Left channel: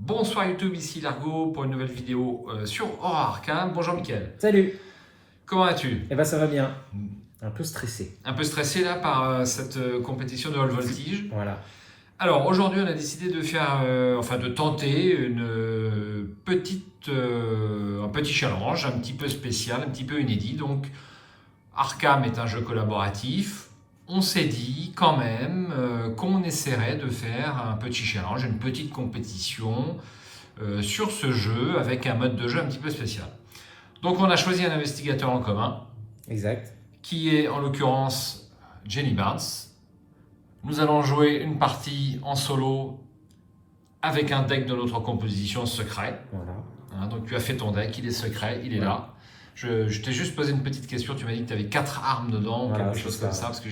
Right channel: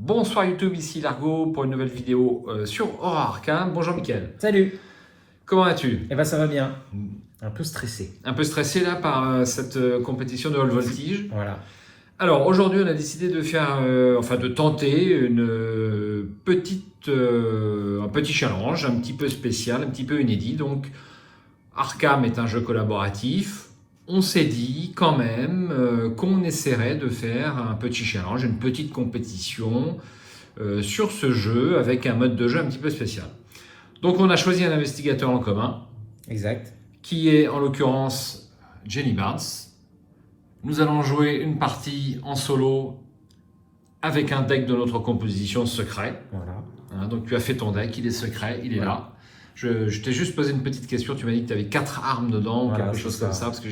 Bonsoir YouTube, ici Largo pour une nouvelle vidéo sur Aura Arcane. Bonjour Mickaël. Salut. Comment vas-tu? Eh ben ça va bien. Un peu stressé. Un peu stressé là par cette compétition de Hall Voltige. Voilà. Alors aujourd'hui on a décidé de faire, de tenter un petit challenge, un petit peu spécial, un petit peu inédit. Donc Arkham est un jeu collaboratif. On s'est dit quand même qu'on essaierait de faire un petit challenge, une petite compétition sur ce jeu avec un mode de jeu un petit peu spécial. Donc on a choisi un investigateur en commun. Exact. Qui est en l'occurrence Jenny Barnes. Nous allons jouer une partie en solo avec un deck de notre composition secret. Voilà. Donc tu as fait ton deck, il est secret, il est là. Je t'ai juste posé une petite question, tu m'as dit que tu avais 4 armes dedans ou quelque chose comme ça, parce que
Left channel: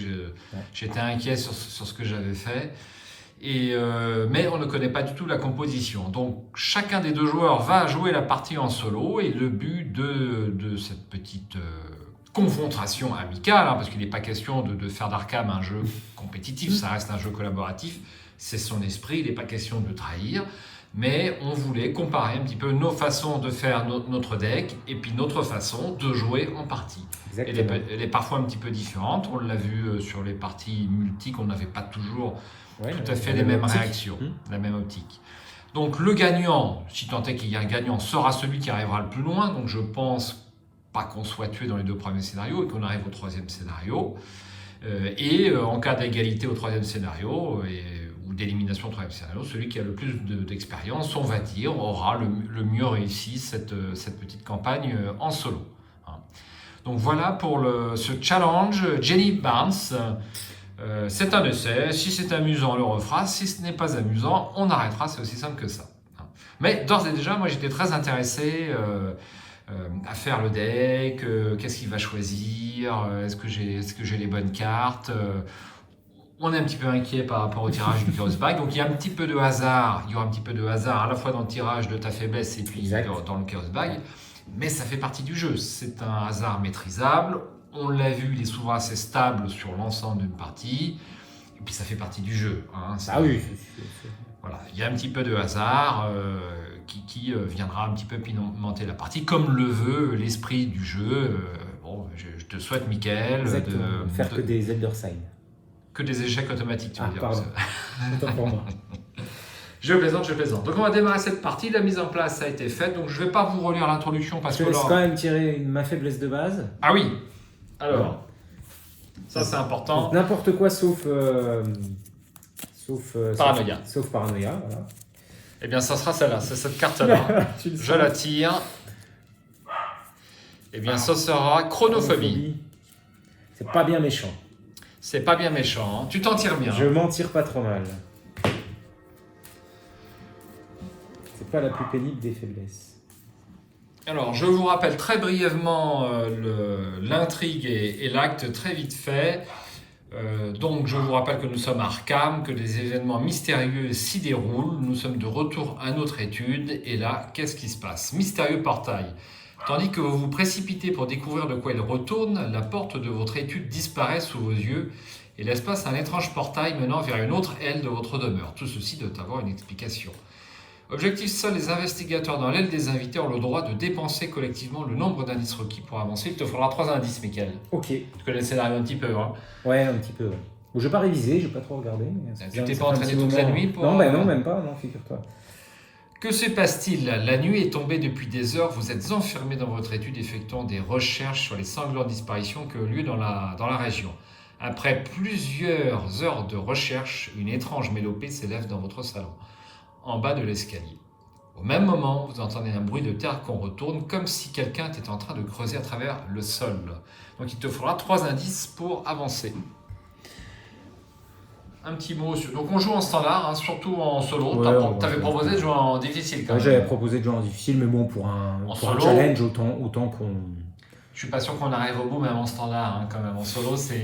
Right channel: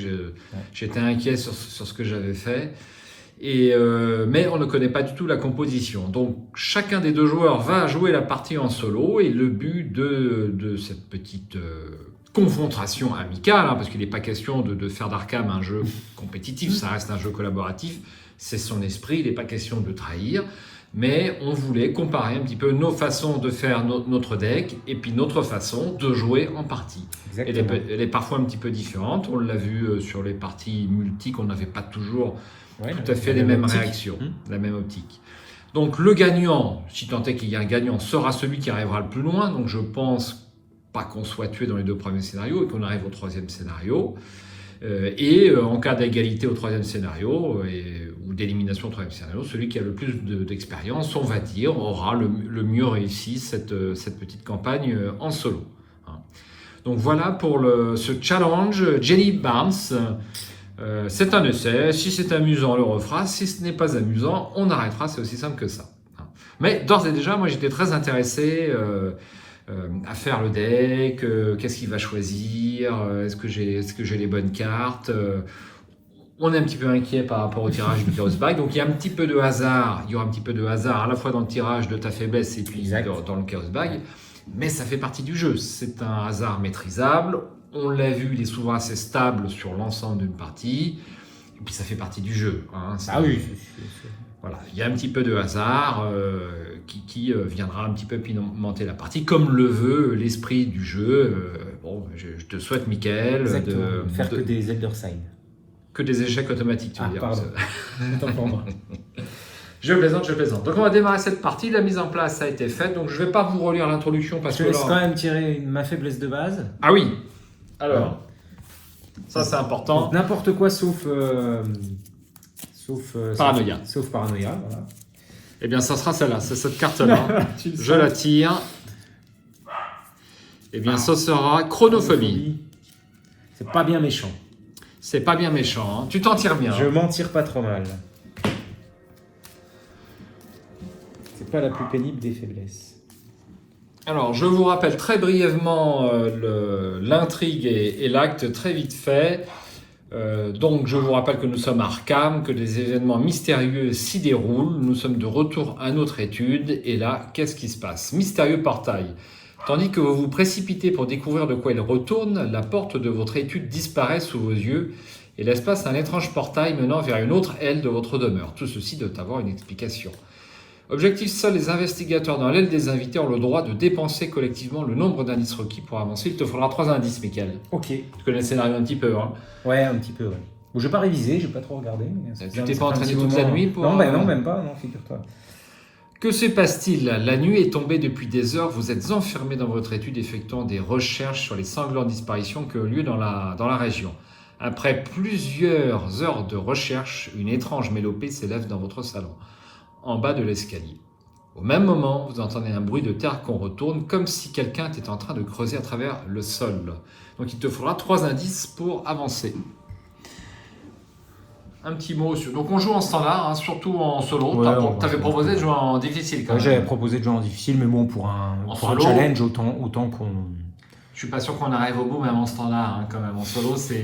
j'étais inquiet sur ce que j'avais fait. Mais on ne connaît pas du tout la composition. Donc chacun des deux joueurs va jouer la partie en solo et le but de cette petite confrontation amicale, parce qu'il n'est pas question de faire d'Arkham un jeu compétitif, ça reste un jeu collaboratif, c'est son esprit, il n'est pas question de trahir. Mais on voulait comparer un petit peu nos façons de faire notre deck et puis notre façon de jouer en partie. Elle est parfois un petit peu différente. On l'a vu sur les parties multi qu'on n'avait pas toujours tout à fait les mêmes réactions, la même optique. Donc le gagnant, si tant est qu'il y a un gagnant, sera celui qui arrivera le plus loin. Donc je pense pas qu'on soit tué dans les 2 premiers scénarios et qu'on arrive au 3e scénario. En cas d'égalité au 3e scénario ou d'élimination au 3e scénario, celui qui a le plus d'expérience, on va dire, aura le mieux réussi cette petite campagne en solo. Donc voilà pour ce challenge. Jenny Barnes, c'est un essai. Si c'est amusant, on le refera. Si ce n'est pas amusant, on arrêtera. C'est aussi simple que ça. Mais d'ores et déjà, moi j'étais très intéressé à faire le deck, qu'est-ce qu'il va choisir, est-ce que j'ai les bonnes cartes. On est un petit peu inquiet par rapport au tirage du Chaos Bag, donc il y a un petit peu de hasard, il y aura un petit peu de hasard à la fois dans le tirage de ta faiblesse et puis dans le Chaos Bag, mais ça fait partie du jeu, c'est un hasard maîtrisable, on l'a vu, il est souvent assez stable sur l'ensemble d'une partie, et puis ça fait partie du jeu. Ah oui, voilà, il y a un petit peu de hasard qui viendra un petit peu pimenter la partie, comme le veut l'esprit du jeu. Je te souhaite, Mickaël, de faire que des Elderside. Que des échecs automatiques, tu veux dire. Pardon. Autant pour moi. Je plaisante. Donc on va démarrer cette partie, la mise en place a été faite, donc je ne vais pas vous relire l'introduction parce que... Je laisse quand même tirer ma faiblesse de base. Ah oui. Alors, ça c'est important. N'importe quoi sauf Paranoïa. Sauf Paranoïa, voilà. Eh bien, ça sera celle-là, c'est cette carte-là. Je la tire. Eh bien, ça sera Chronophobie. C'est pas bien méchant. C'est pas bien méchant, hein. Tu t'en tires bien. Je m'en tire pas trop mal. C'est pas la plus pénible des faiblesses. Alors, je vous rappelle très brièvement l'intrigue et l'acte très vite fait. Donc, je vous rappelle que nous sommes à Arkham, que des événements mystérieux s'y déroulent. Nous sommes de retour à notre étude. Et là, qu'est-ce qui se passe? Mystérieux portail. Tandis que vous vous précipitez pour découvrir de quoi il retourne, la porte de votre étude disparaît sous vos yeux et laisse place à un étrange portail menant vers une autre aile de votre demeure. Tout ceci doit avoir une explication. Objectif, seuls les investigateurs dans l'aile des invités ont le droit de dépenser collectivement le nombre d'indices requis pour avancer. Il te faudra 3 indices, Mickaël. Ok. Tu connais le scénario un petit peu, hein? Ouais, un petit peu. Ouais. Bon, je n'ai pas révisé, je n'ai pas trop regardé. Tu t'es pas entraîné toute la nuit pour... Non, non, même pas, non, figure-toi. Que se passe-t-il? La nuit est tombée depuis des heures, vous êtes enfermé dans votre étude effectuant des recherches sur les sanglantes disparitions qui ont lieu dans la région. Après plusieurs heures de recherche, une étrange mélopée s'élève dans votre salon, en bas de l'escalier. Au même moment, vous entendez un bruit de terre qu'on retourne, comme si quelqu'un était en train de creuser à travers le sol. Donc il te faudra 3 indices pour avancer. Un petit mot sur... Donc on joue en standard, hein, surtout en solo. Ouais, tu avais proposé de jouer en difficile quand même. J'avais proposé de jouer en difficile, mais bon, pour un challenge, autant qu'on... Je suis pas sûr qu'on arrive au bout, même en standard, hein, quand même. En solo, c'est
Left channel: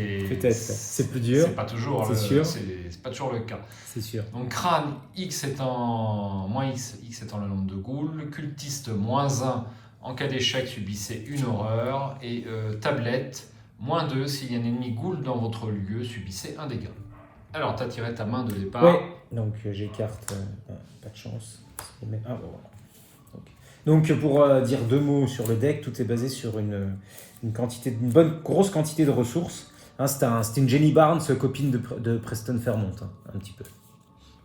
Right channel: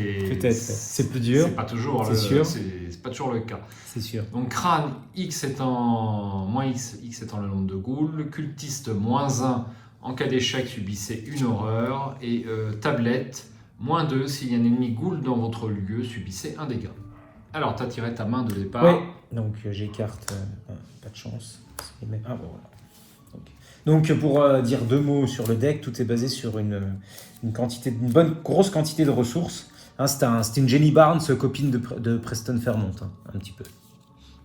plus dur. C'est pas toujours c'est pas toujours le cas. C'est sûr. Donc crâne, X étant moins X étant le nombre de ghouls. Cultiste, -1. En cas d'échec, subissez une horreur. Et tablette, -2. S'il y a un ennemi ghoul dans votre lieu, subissez un dégât. Alors, tu as tiré ta main de départ. Oui, donc j'écarte pas de chance. Ah, bon, voilà. Donc pour dire 2 mots sur le deck, tout est basé sur une grosse quantité de ressources. Hein, c'était une Jenny Barnes, copine de Preston Fairmont, hein, un petit peu.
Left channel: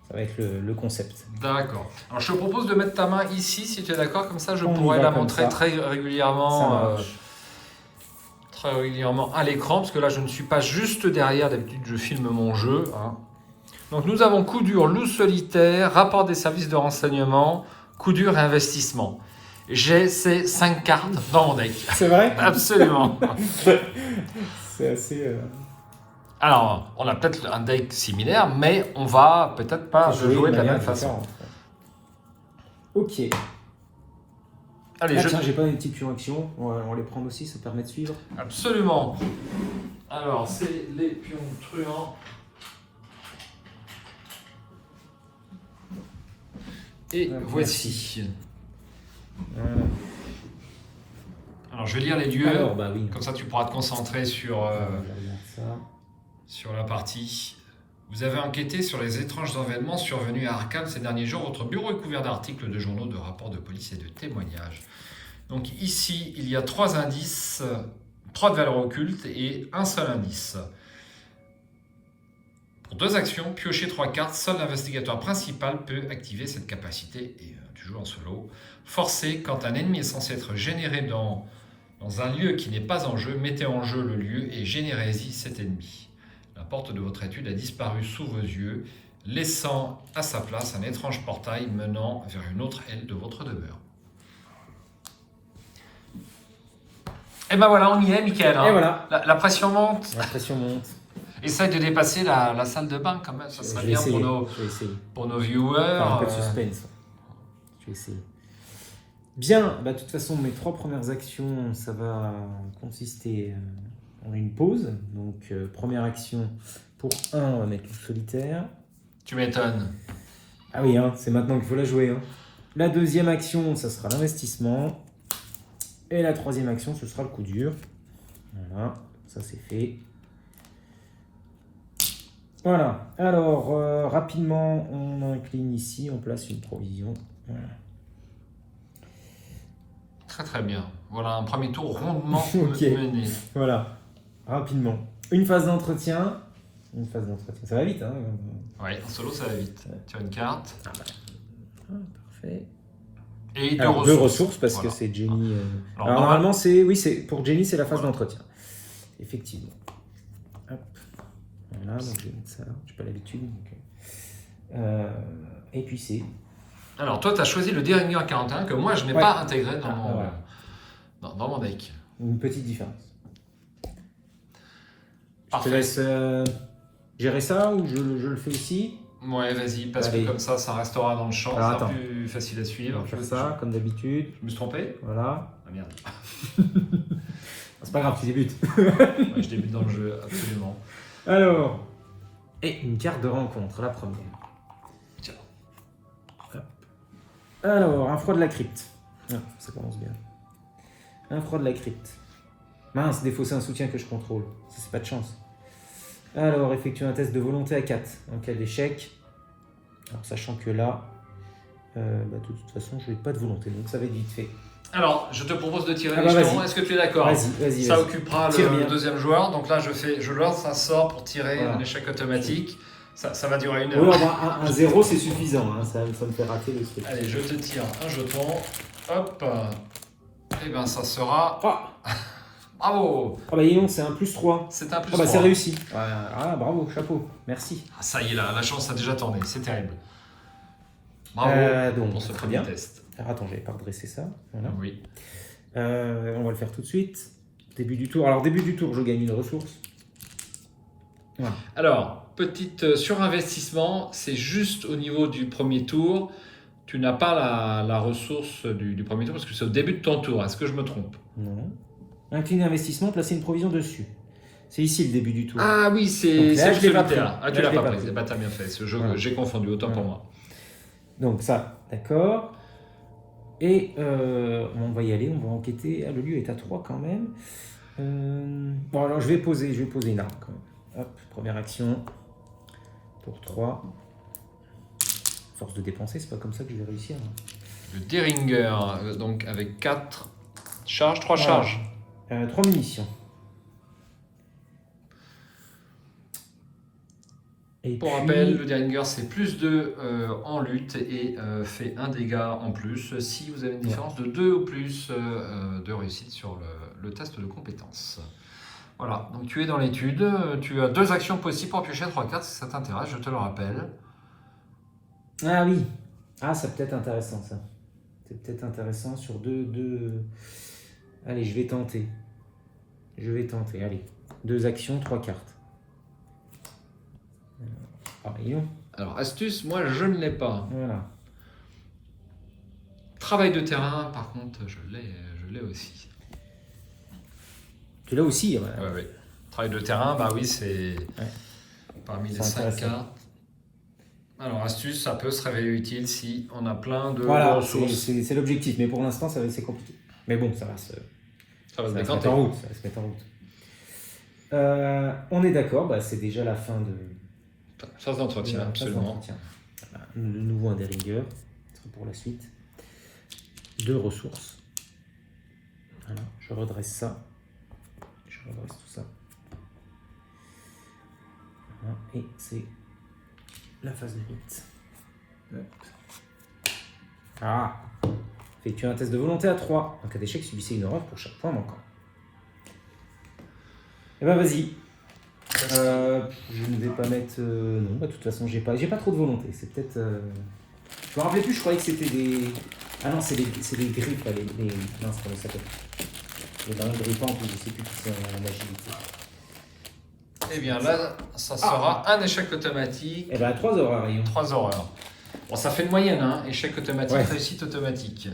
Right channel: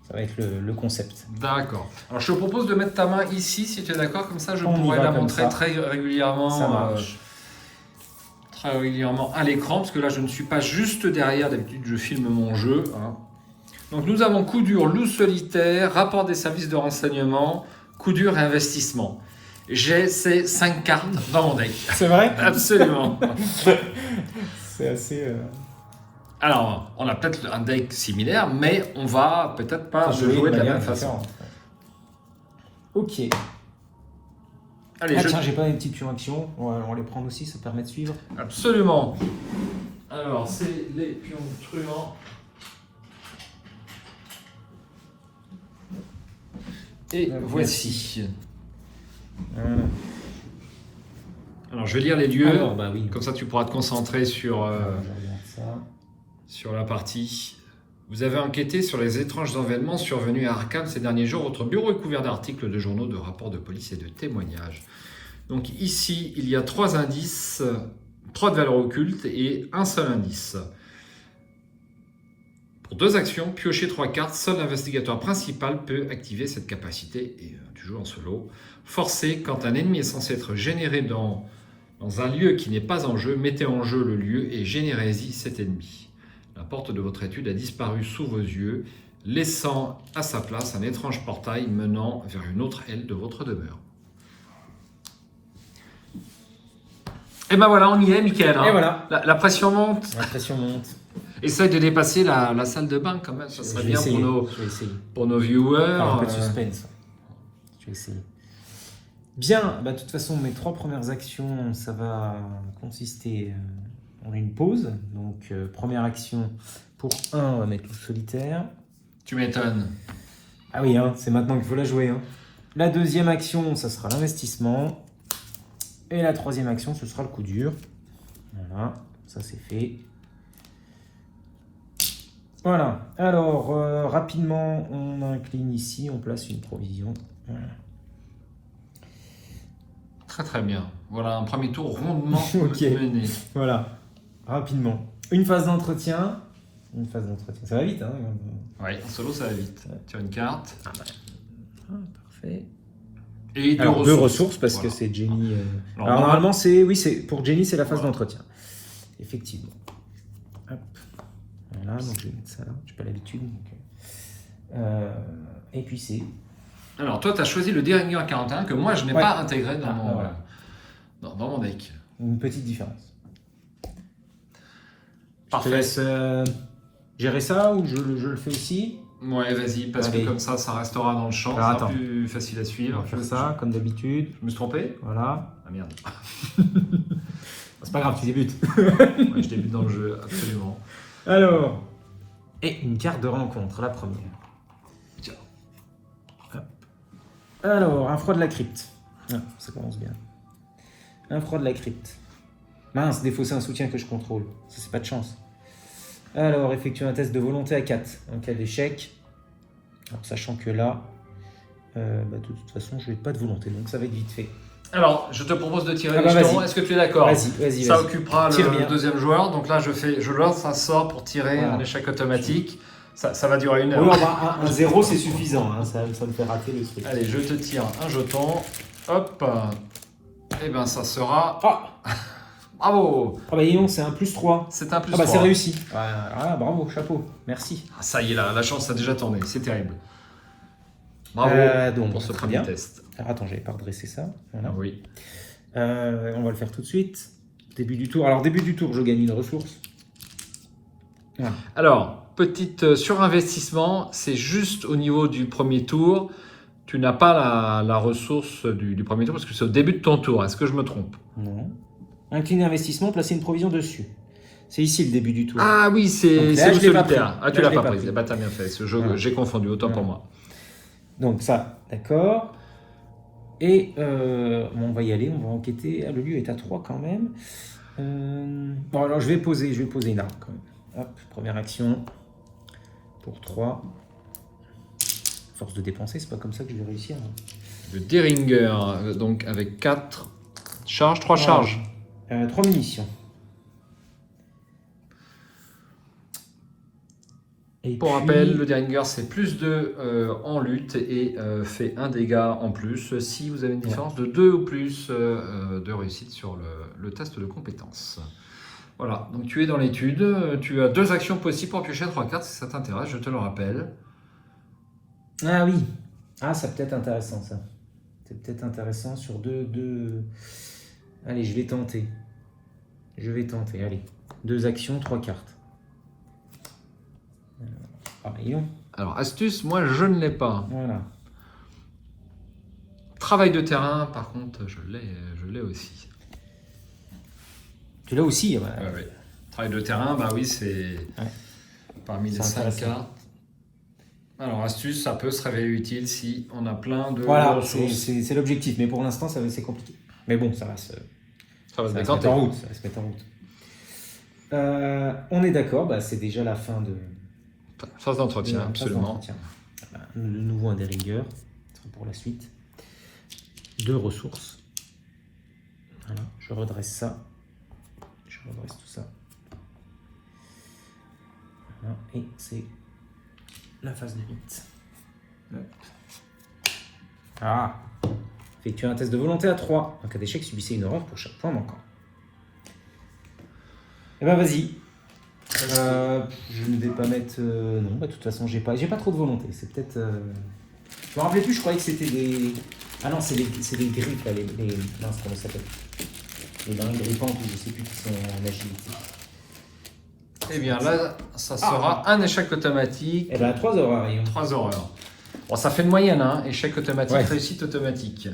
Ça va être le concept. D'accord. Alors je te propose de mettre ta main ici, si tu es d'accord, comme ça je pourrais la montrer très régulièrement. Très régulièrement à l'écran, parce que là je ne suis pas juste derrière, d'habitude je filme mon jeu. Hein. Donc nous avons coup dur, loup solitaire, rapport des services de renseignement, coup dur et investissement. J'ai ces 5 cartes dans mon deck. C'est vrai? Absolument. C'est assez... Alors, on a peut-être un deck similaire, mais on va peut-être pas jouer de la même façon. Ok. Allez, j'ai pas une petite action. On va les prendre aussi, ça permet de suivre. Absolument. Alors, c'est les pions truands. Et voici. Alors, je vais lire les lieux. Comme ça, tu pourras te concentrer sur la partie. Vous avez enquêté sur les étranges événements survenus à Arkham ces derniers jours. Votre bureau est couvert d'articles, de journaux, de rapports de police et de témoignages. Donc ici, il y a 3 indices, 3 de valeur occulte et un seul indice. Pour 2 actions, piocher 3 cartes, seul l'investigateur principal peut activer cette capacité, et tu joues en solo. Forcé, quand un ennemi est censé être généré dans un lieu qui n'est pas en jeu, mettez en jeu le lieu et générez-y cet ennemi. La porte de votre étude a disparu sous vos yeux, laissant à sa place un étrange portail menant vers une autre aile de votre demeure. Et ben voilà, on y est, Mickaël. Hein. Voilà. La pression monte. La pression monte. Essaye de dépasser la salle de bain quand même, ça serait bien pour nos viewers. Un peu de suspense. Je vais essayer. Bien, de toute façon, mes 3 premières actions, ça va consister en une pause. Donc, première action, pour 1, on va mettre le solitaire. Tu m'étonnes. Ah oui, hein, c'est maintenant qu'il faut la jouer. Hein. La deuxième action, ça sera l'investissement. Et la troisième action, ce sera le coup dur. Voilà, ça c'est fait. Voilà, alors rapidement, on incline ici, on place une provision. Voilà. Très très bien. Voilà un premier tour rondement mené. Voilà, rapidement. Une phase d'entretien. Ça va vite, hein? Oui, en solo ça va vite. Tu as une carte. Parfait. Et 2 ressources parce que c'est Jenny. Alors normalement, pour Jenny, c'est la phase d'entretien. Effectivement. Hop. Voilà, donc j'ai ça, j'ai pas l'habitude. Et puis c'est. Alors toi, tu as choisi le Derringer 41 que moi je n'ai pas intégré dans mon deck. Une petite différence. Parfait. Je te laisse gérer ça ou je le fais aussi? Ouais, vas-y, parce que comme ça restera dans le champ, ça sera plus facile à suivre. Je fais ça, comme d'habitude. Je me suis trompé? Voilà. Ah merde. C'est pas grave, tu débutes. Ouais, je débute dans le jeu, absolument. Alors, et une carte de rencontre, la première. Tiens. Alors, un froid de la crypte. Ah, ça commence bien. Un froid de la crypte. Mince, défausser un soutien que je contrôle. Ça, c'est pas de chance. Alors, effectuer un test de volonté à 4 en cas d'échec. Alors, sachant que là, de toute façon, je n'ai pas de volonté, donc ça va être vite fait. Alors, je te propose de tirer les jetons. Est-ce que tu es d'accord? Vas-y. Ça occupera le deuxième joueur. Donc là, je lance un sort pour tirer un échec automatique. Ça va durer 1 heure. Alors, un 0, c'est suffisant. Hein. Ça me fait rater le truc. Allez, je te tire un jeton. Hop. Et bien, ça sera... Bravo! Ah bah non, c'est un +3. C'est un +3. Ah bah c'est réussi. Ah, bravo, chapeau, merci. Ah, ça y est, la chance a déjà tourné, c'est terrible. Bravo donc, pour ce premier test. Alors attends, j'avais pas redressé ça. Voilà. Oui. On va le faire tout de suite. Début du tour. Alors début du tour, je gagne une ressource. Voilà. Alors, petite surinvestissement, c'est juste au niveau du premier tour. Tu n'as pas la ressource du premier tour parce que c'est au début de ton tour. Est-ce que je me trompe? Non. Incliner investissement, placer une provision dessus. C'est ici le début du tour. Ah oui, c'est le solitaire. Ah, tu l'as pas pris. Tu as bien fait. J'ai confondu, autant pour moi. Donc ça, d'accord. Et on va y aller, on va enquêter. Ah, le lieu est à 3 quand même. Bon, alors je vais poser une arme quand même. Hop, première action. Pour 3. Force de dépenser, c'est pas comme ça que je vais réussir. Hein. Le Deringer, donc avec 4 charges, 3 Ah. charges. 3 munitions. Et Pour puis- rappel, le Deringer c'est plus 2 en lutte et fait 1 dégât en plus si vous avez une différence de 2 ou plus de réussite sur le test de compétence. Voilà, donc tu es dans l'étude, tu as 2 actions possibles pour piocher 3 cartes si ça t'intéresse, je te le rappelle. Ah oui. Ah, c'est peut-être intéressant ça. C'est peut-être intéressant sur deux... Allez, je vais tenter. Allez. 2 actions, 3 cartes. Ah, voyons. Alors, astuce, moi je ne l'ai pas. Voilà. Travail de terrain, par contre, je l'ai aussi. Tu l'as aussi, ouais. Oui. Travail de terrain, bah oui, c'est parmi les C'est 5 intéressant. cartes. Alors, astuce, ça peut se révéler utile si on a plein de Voilà, ressources. c'est l'objectif, mais pour l'instant, c'est compliqué. Mais bon, ça va se mettre en route. Ça va se mettre en route. On est d'accord, bah, c'est déjà la fin de Phase d'entretien, phase absolument. d'entretien. Voilà, de nouveau un Deringer pour la suite. 2 ressources. Voilà, je redresse ça. Je redresse tout ça. Voilà, et c'est la phase limite. Ah. Effectuez un test de volonté à 3. En cas d'échec, subissez une horreur pour chaque point manquant. Eh ben vas-y. Je ne vais pas mettre... non, bah, de toute façon, j'ai pas trop de volonté. C'est peut-être... Je me rappelais plus, je croyais que c'était des... Ah non, c'est des griffes, là, les... Mince, comment ça s'appelle? Les derniers grippants, je sais plus qui c'est en machine. Eh bien là, ça sera un échec automatique, Eh ben 3 horreurs, voyons. 3 horreurs. Bon, ça fait une moyenne, hein, échec automatique, Ouais. réussite automatique.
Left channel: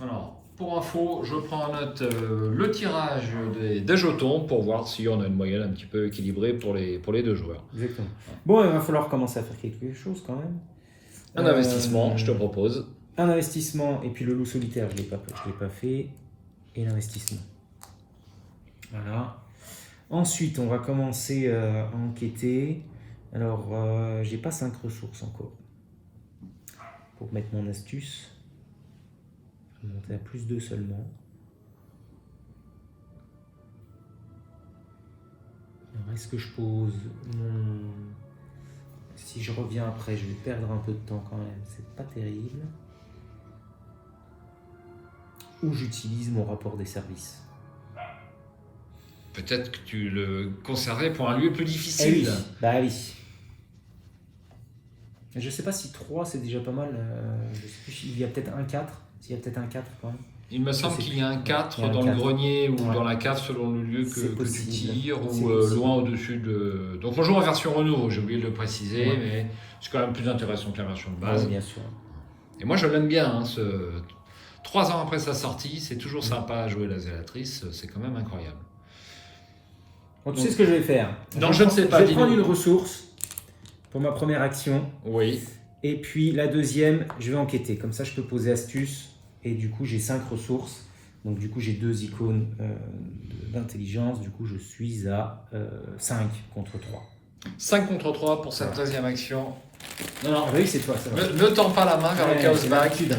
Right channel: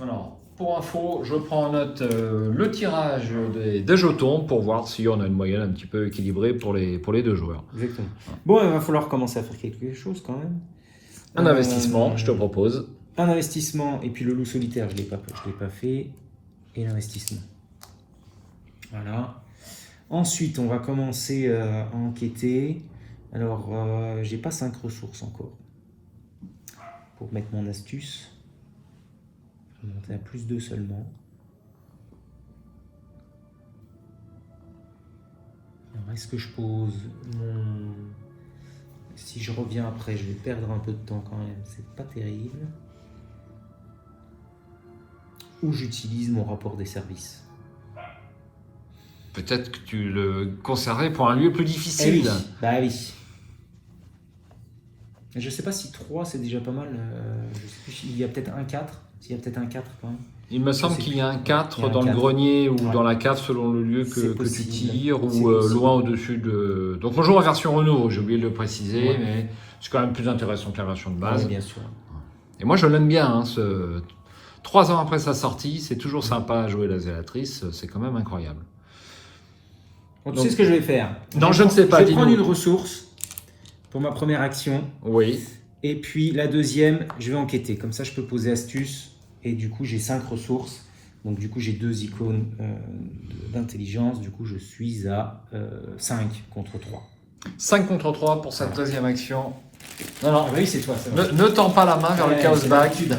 Alors, pour info, je prends en note le tirage des jetons pour voir si on a une moyenne un petit peu équilibrée pour les 2 joueurs. Exactement. Bon, il va falloir commencer à faire quelque chose quand même. Un investissement, je te propose. Un investissement, et puis le loup solitaire, je ne l'ai pas fait. Et l'investissement. Voilà. Ensuite, on va commencer à enquêter. Alors, j'ai pas 5 ressources encore. Pour mettre mon astuce. Je vais monter à plus 2 seulement. Alors, est-ce que je pose mon... Si je reviens après, je vais perdre un peu de temps quand même. C'est pas terrible. Ou j'utilise mon rapport des services. Peut-être que tu le conserverais pour un lieu plus Eh difficile. oui, bah oui. Je sais pas si 3 c'est déjà pas mal. Je sais plus, il y a peut-être un 4. S'il y a peut-être un 4 quand même. Il me semble sais qu'il y a un 4 Il y a un dans le 4. grenier ou Ouais. dans la cave selon le lieu C'est que tu possible. tires C'est ou possible. loin au-dessus de... Donc on joue en version Renault, j'ai oublié de le préciser, Ouais. mais c'est quand même plus intéressant que la version de base. Ouais, bien sûr. Et moi je l'aime bien, hein, 3 ans après sa sortie, c'est toujours sympa à jouer la Zélatrice, c'est quand même incroyable. Donc, tu Donc- sais ce que je vais faire? Non, je ne sais pas, Je vais prendre dis-nous. une ressource pour ma première action. Oui. Et puis la deuxième, je vais enquêter. Comme ça, je peux poser astuce. Et du coup, j'ai 5 ressources. Donc du coup, j'ai 2 icônes d'intelligence. Du coup, je suis à 5 contre 3. 5 contre 3 pour cette deuxième action. Non, non, oui, c'est toi. Ça va. Ne tends pas la main vers le Ouais, chaos c'est back. l'habitude.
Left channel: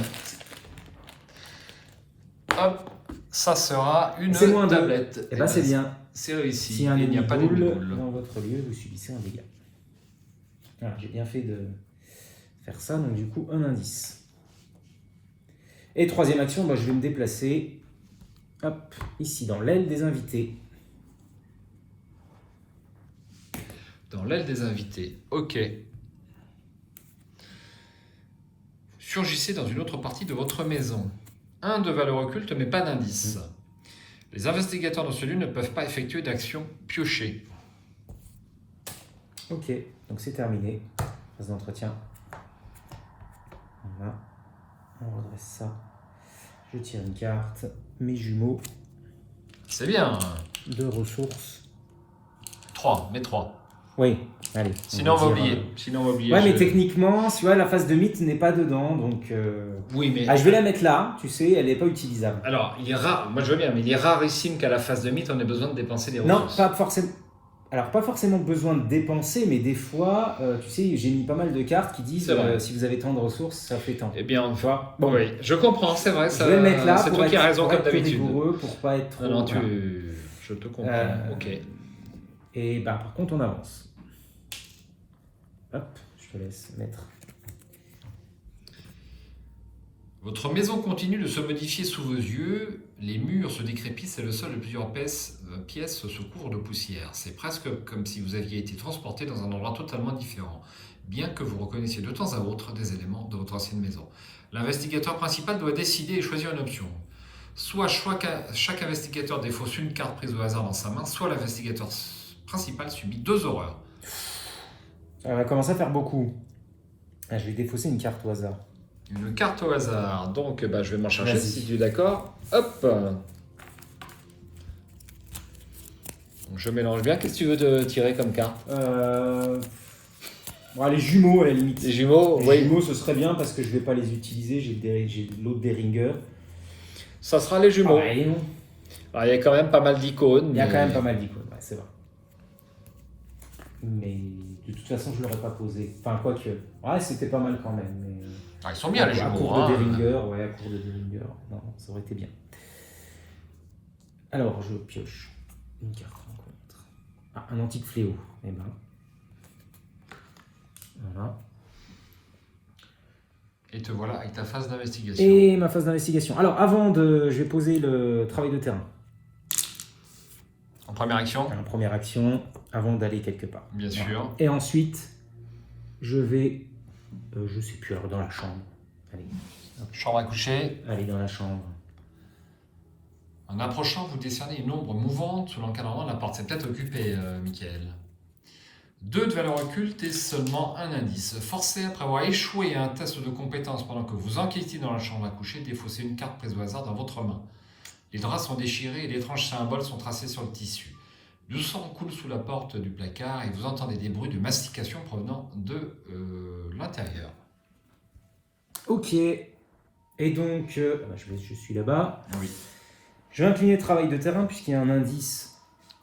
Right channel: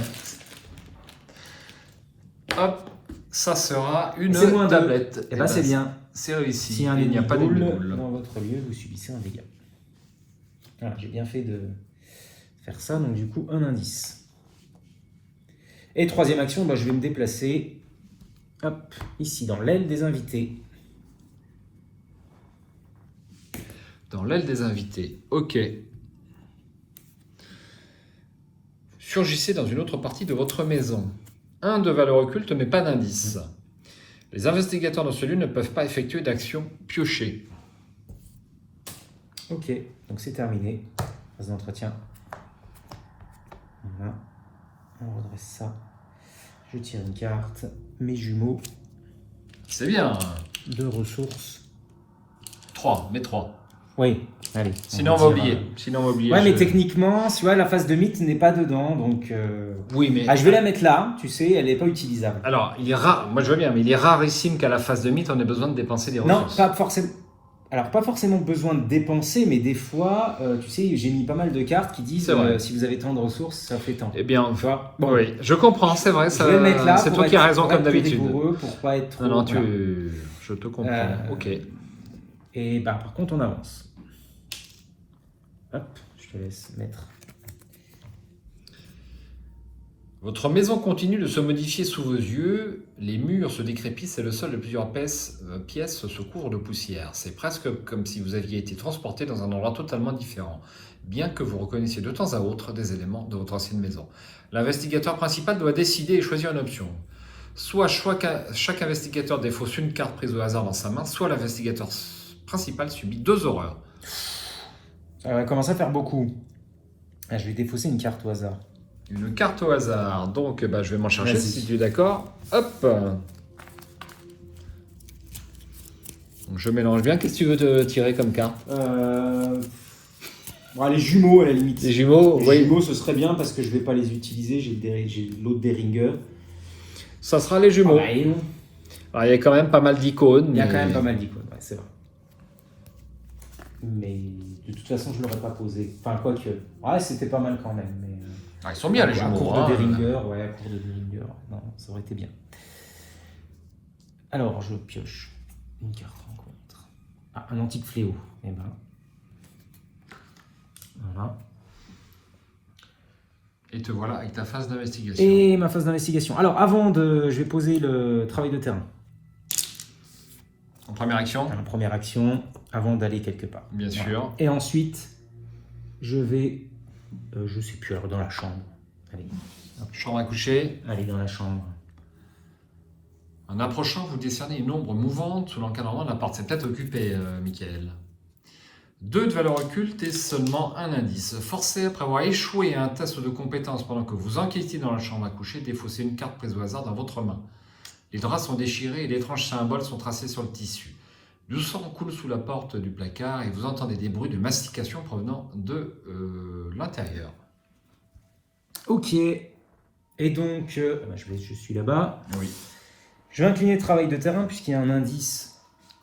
Hop, ça sera une C'est moins deux. tablette. Eh ben, c'est bien. C'est réussi. Si un Il n'y a pas de demi-boule dans votre lieu, vous subissez un dégât. Voilà, j'ai bien fait de faire ça. Donc du coup, un indice. Et troisième action, bah, je vais me déplacer. Hop, ici dans l'aile des invités. Dans l'aile des invités. Ok. Surgissez dans une autre partie de votre maison. 1 de valeur occulte, mais pas d'indice. Les investigateurs dans ce lieu ne peuvent pas effectuer d'action piochée. Ok, donc c'est terminé. Phase d'entretien. Voilà. On redresse ça. Je tire une carte. Mes jumeaux. C'est bien. 2 ressources. 3, mais 3. Oui, allez. Sinon, on va oublier. Sinon, on va oublier. Ouais, mais techniquement, tu vois, la phase de mythe n'est pas dedans, donc... Oui, mais... Ah, je vais la mettre là, tu sais, elle n'est pas utilisable. Alors, il est rare, moi je veux bien, mais il est rarissime qu'à la phase de mythe, on ait besoin de dépenser des Non, ressources. pas forcément. Alors, pas forcément besoin de dépenser, mais des fois, tu sais, j'ai mis pas mal de cartes qui disent C'est vrai. si vous avez tant de ressources, ça fait tant. Eh bien, Tu vois bon, oui, je comprends, c'est vrai. je vais le mettre là C'est pour toi qui as raison, pour comme être d'habitude. rigoureux, pour pas être trop... Ah non, voilà. je te comprends. Ok. Et bah, par contre, on avance. Hop, je te laisse mettre. Votre maison continue de se modifier sous vos yeux, les murs se décrépissent et le sol de plusieurs pièces se couvre de poussière. C'est presque comme si vous aviez été transporté dans un endroit totalement différent, bien que vous reconnaissiez de temps à autre des éléments de votre ancienne maison. L'investigateur principal doit décider et choisir une option. Soit chaque investigateur défausse une carte prise au hasard dans sa main, soit l'investigateur principal subit 2 horreurs. Ça va commencer à faire beaucoup. Ah, je vais défausser une carte au hasard. Une carte au hasard, donc je vais m'en chercher Vas-y. si tu es d'accord. Hop. Je mélange bien. Qu'est-ce que tu veux te tirer comme carte? Bon, les jumeaux à la limite. Les jumeaux, Les oui. jumeaux, ce serait bien parce que je vais pas les utiliser. J'ai l'autre Deringer. Ça sera les jumeaux. Ah, et non. Alors, il y a quand même pas mal d'icônes. Il y a quand même pas mal d'icônes, ouais, c'est vrai. Mais de toute façon, je l'aurais pas posé. Enfin, quoique. Ouais, c'était pas mal quand même. Mais... Ah, ils sont bien les À jumeaux. court Hein. de Deringer, ouais, à court de Deringer. Non, ça aurait été bien. Alors, je pioche une carte rencontre. Ah, un antique fléau. Eh ben. Voilà. Et te voilà avec ta phase d'investigation. Et ma phase d'investigation. Alors, je vais poser le travail de terrain. En première action, En première action, avant d'aller quelque part. bien sûr. Et ensuite, je vais, je sais plus, alors dans la chambre. Allez, Chambre à coucher. allez dans la chambre. En approchant, vous décernez une ombre mouvante sous l'encadrement de la porte. C'est peut-être occupé, Michael. 2 de valeur occulte et seulement un indice. Forcé après avoir échoué à un test de compétence pendant que vous enquêtiez dans la chambre à coucher, défaussez une carte prise au hasard dans votre main. Les draps sont déchirés et d'étranges symboles sont tracés sur le tissu. Du sang coule sous la porte du placard et vous entendez des bruits de mastication provenant de l'intérieur. Ok. Et donc, je suis là-bas. Oui. Je vais incliner le travail de terrain puisqu'il y a un indice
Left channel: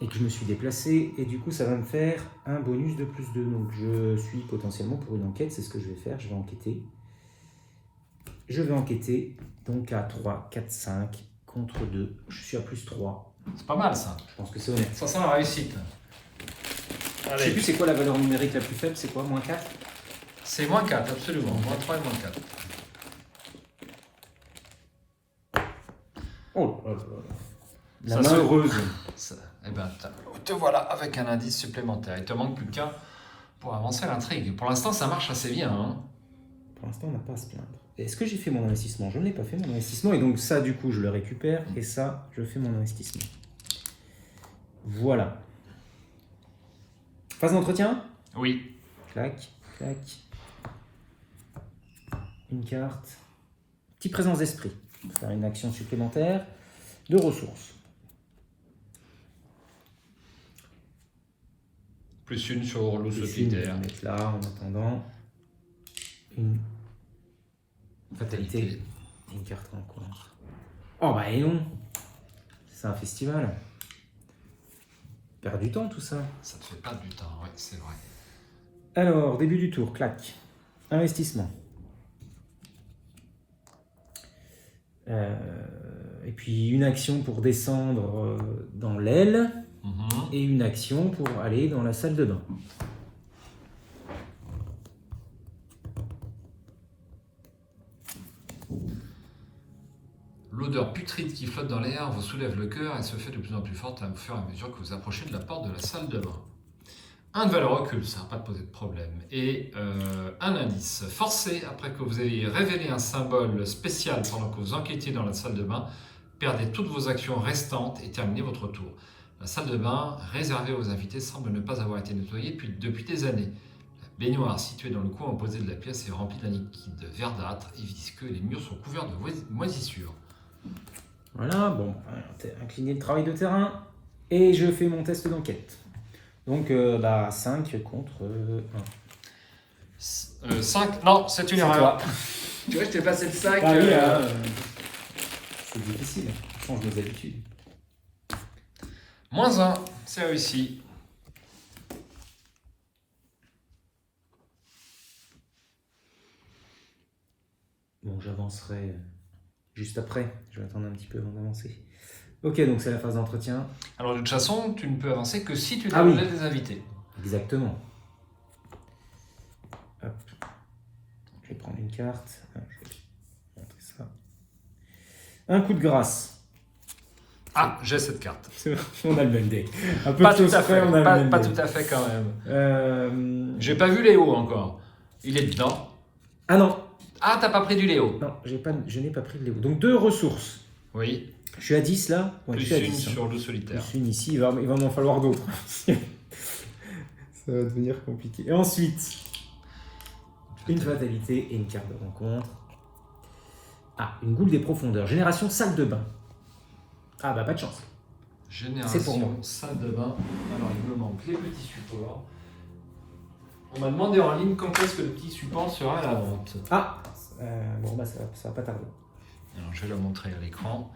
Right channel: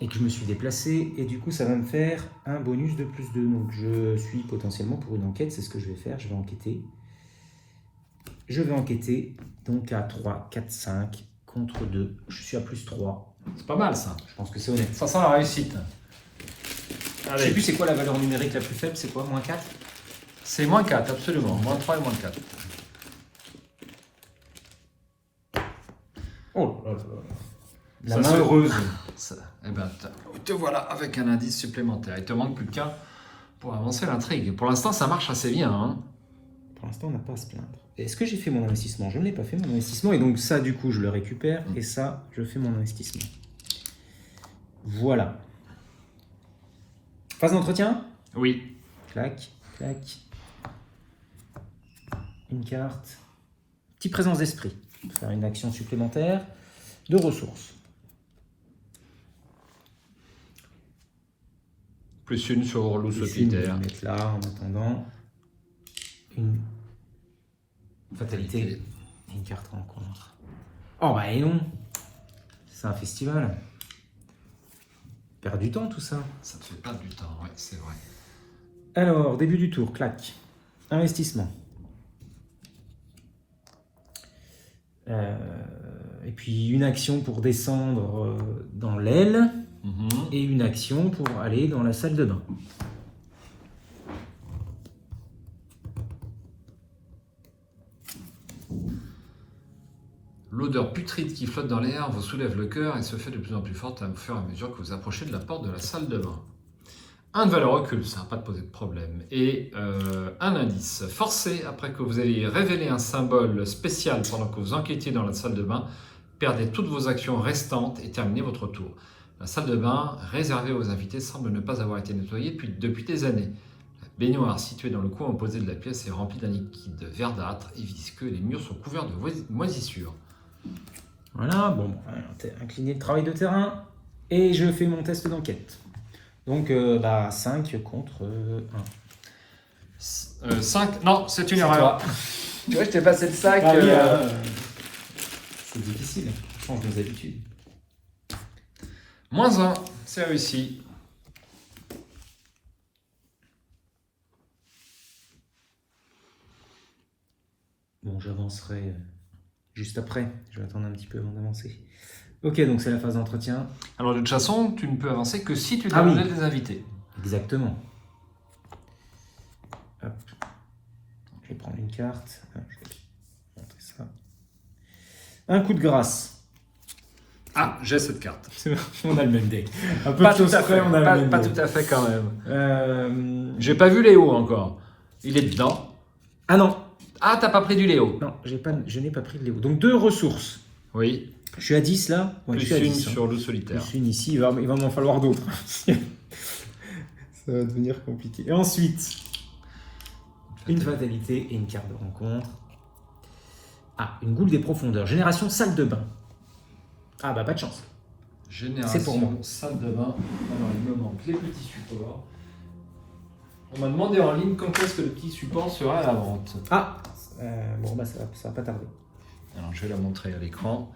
et que je me suis déplacé. Et du coup, ça va me faire un bonus de plus 2. Donc, je suis potentiellement pour une enquête. C'est ce que je vais faire. Je vais enquêter. Je vais enquêter. Donc, à 3, 4, 5 contre 2. Je suis à plus 3. C'est pas mal ça. Je pense que c'est honnête. Ça sent la réussite. Je sais plus c'est quoi la valeur numérique la plus faible. C'est quoi, moins 4? C'est moins 4, absolument. Moins 3 et moins 4. Oh là là là. La Ça main se- heureuse. Eh ben, te voilà avec un indice supplémentaire. Il te manque plus qu'un pour avancer l'intrigue. Pour l'instant, ça marche assez bien. Hein. Pour l'instant, on n'a pas à se plaindre. Est-ce que j'ai fait mon investissement? Je ne l'ai pas fait, mon investissement. Et donc ça, du coup, je le récupère. Et ça, je fais mon investissement. Voilà. Phase d'entretien? Oui. Clac, clac. Une carte. Petite présence d'esprit. Faire une action supplémentaire de ressources. Plus une sur loup Je vais solitaire. mettre là en attendant. Une fatalité. Et une carte rencontre. Oh bah et non. C'est un festival. Perd du temps tout ça. Ça te fait perdre du temps, ouais, c'est vrai. Alors, début du tour, clac. Investissement. Et puis une action pour descendre dans l'aile et une action pour aller dans la salle de bain. L'odeur putride qui flotte dans l'air vous soulève le cœur et se fait de plus en plus forte à fur et à mesure que vous approchez de la porte de la salle de bain. Un de valeur occulte, ça va pas te poser de problème. Et un indice. Forcé, après que vous ayez révélé un symbole spécial pendant que vous enquêtiez dans la salle de bain, perdez toutes vos actions restantes et terminez votre tour. La salle de bain, réservée aux invités, semble ne pas avoir été nettoyée depuis des années. La baignoire située dans le coin opposé de la pièce est remplie d'un liquide verdâtre et visqueux. Les murs sont couverts de moisissures. Voilà, bon, incliner le travail de terrain et je fais mon test d'enquête. Donc 5 contre 1. 5, non, c'est une erreur. Tu vois, je t'ai passé de 5. C'est difficile, on change nos habitudes. -1, c'est réussi. Bon, j'avancerai juste après. Je vais attendre un petit peu avant d'avancer. Ok, donc c'est la phase d'entretien. Alors de toute façon, tu ne peux avancer que si tu Ah oui. déloges des invités. Exactement. Hop. Je vais prendre une carte. Je vais montrer ça. Un coup de grâce. Ah, j'ai cette carte. On a le même deck. Un peu Pas de tout choses à près, fait, on a le même pas deck. tout à fait quand même. J'ai Ah pas vu Léo encore. Il est dedans. non, Ah, t'as pas pris du Léo. non, je n'ai pas pris de Léo. Donc 2 ressources. Oui, Je suis à 10 là. Ouais, je plus suis à une 10, hein. sur le solitaire. Plus une ici, il va m'en falloir d'autres. Ça va devenir compliqué. Et ensuite, une fatalité et une carte de rencontre. Ah, une goule des profondeurs. Génération salle de bain. Ah bah pas de chance. C'est pour Génération moi. salle de bain. Alors il me manque les petits supports. On m'a demandé en ligne quand est-ce que le petit support sera à la vente. Ah, bon bah ça va pas tarder. Alors je vais la montrer à l'écran.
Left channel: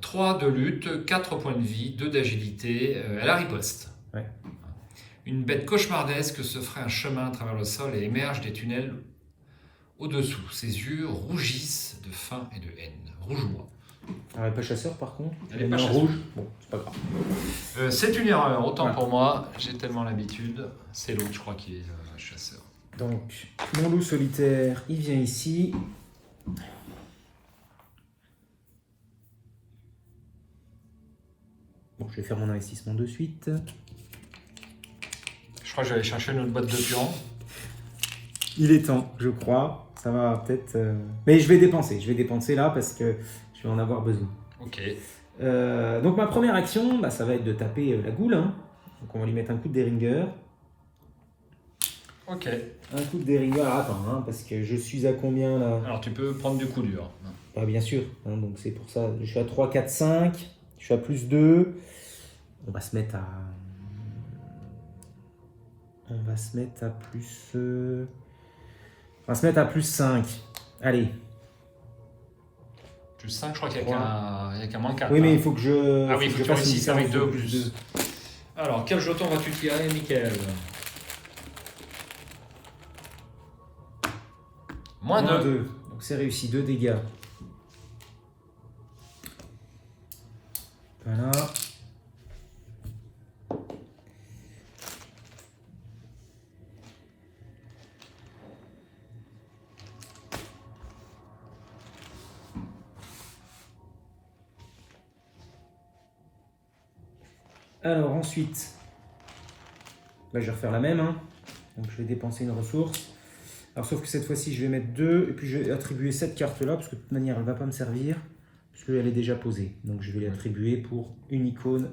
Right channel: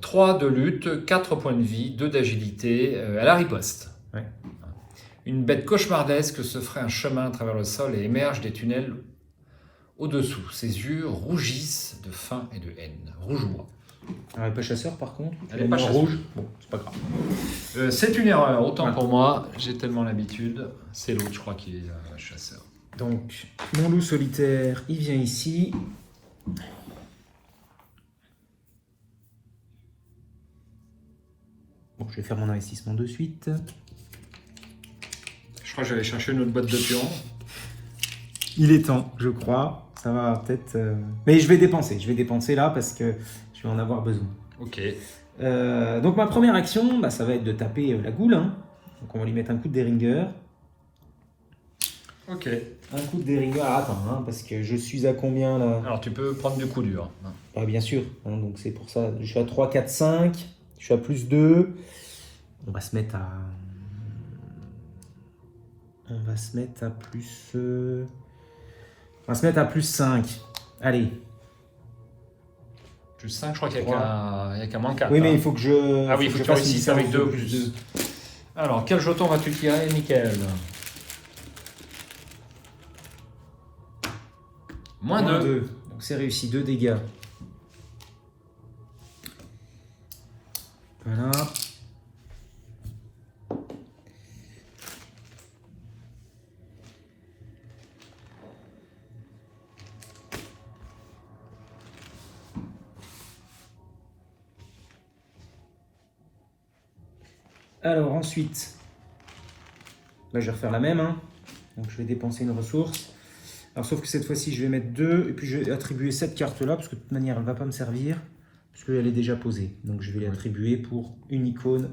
3 de lutte, 4 points de vie, 2 d'agilité, elle a riposte. Ouais. Une bête cauchemardesque se ferait un chemin à travers le sol et émerge des tunnels au-dessous. Ses yeux rougissent de faim et de haine. Rouge-moi. Alors, elle est pas chasseur par contre. Elle est pas chasseur. rouge. Bon, c'est pas grave. C'est une erreur, autant Ouais. pour moi, j'ai tellement l'habitude. C'est l'autre, je crois, qui est chasseur. Donc, mon loup solitaire, il vient ici. Bon, je vais faire mon investissement de suite. Je crois que je vais aller chercher une autre boîte de pions. Il est temps, je crois. Ça va peut-être. Mais je vais dépenser là parce que je vais en avoir besoin. Ok. Donc ma première action, bah, ça va être de taper la goule. Hein. Donc on va lui mettre un coup de Deringer. Ok. Un coup de Deringer. Ah, attends, hein, parce que je suis à combien là? Alors tu peux prendre du coup dur. Ah, bien sûr. Hein, donc c'est pour ça. Je suis à 3, 4, 5. Je suis à plus 2. On va se mettre à. On va se mettre à plus. On va se mettre à plus 5. Allez. Plus 5, je crois qu'il n'y a qu'un moins 4. Oui, mais il faut que je. Ah oui, il faut que tu fasse réussisses une avec différence 2 de plus. Alors, quel jeton vas-tu tirer, Mickaël? Moins 2. 2. Donc c'est réussi, 2 dégâts. Voilà. Alors ensuite, bah, je vais refaire la même. Hein. Donc je vais dépenser une ressource. Alors sauf que cette fois-ci, je vais mettre 2 et puis je vais attribuer cette carte-là parce que de toute manière, elle ne va pas me servir parce qu'elle est déjà posée. Donc je vais l'attribuer pour une icône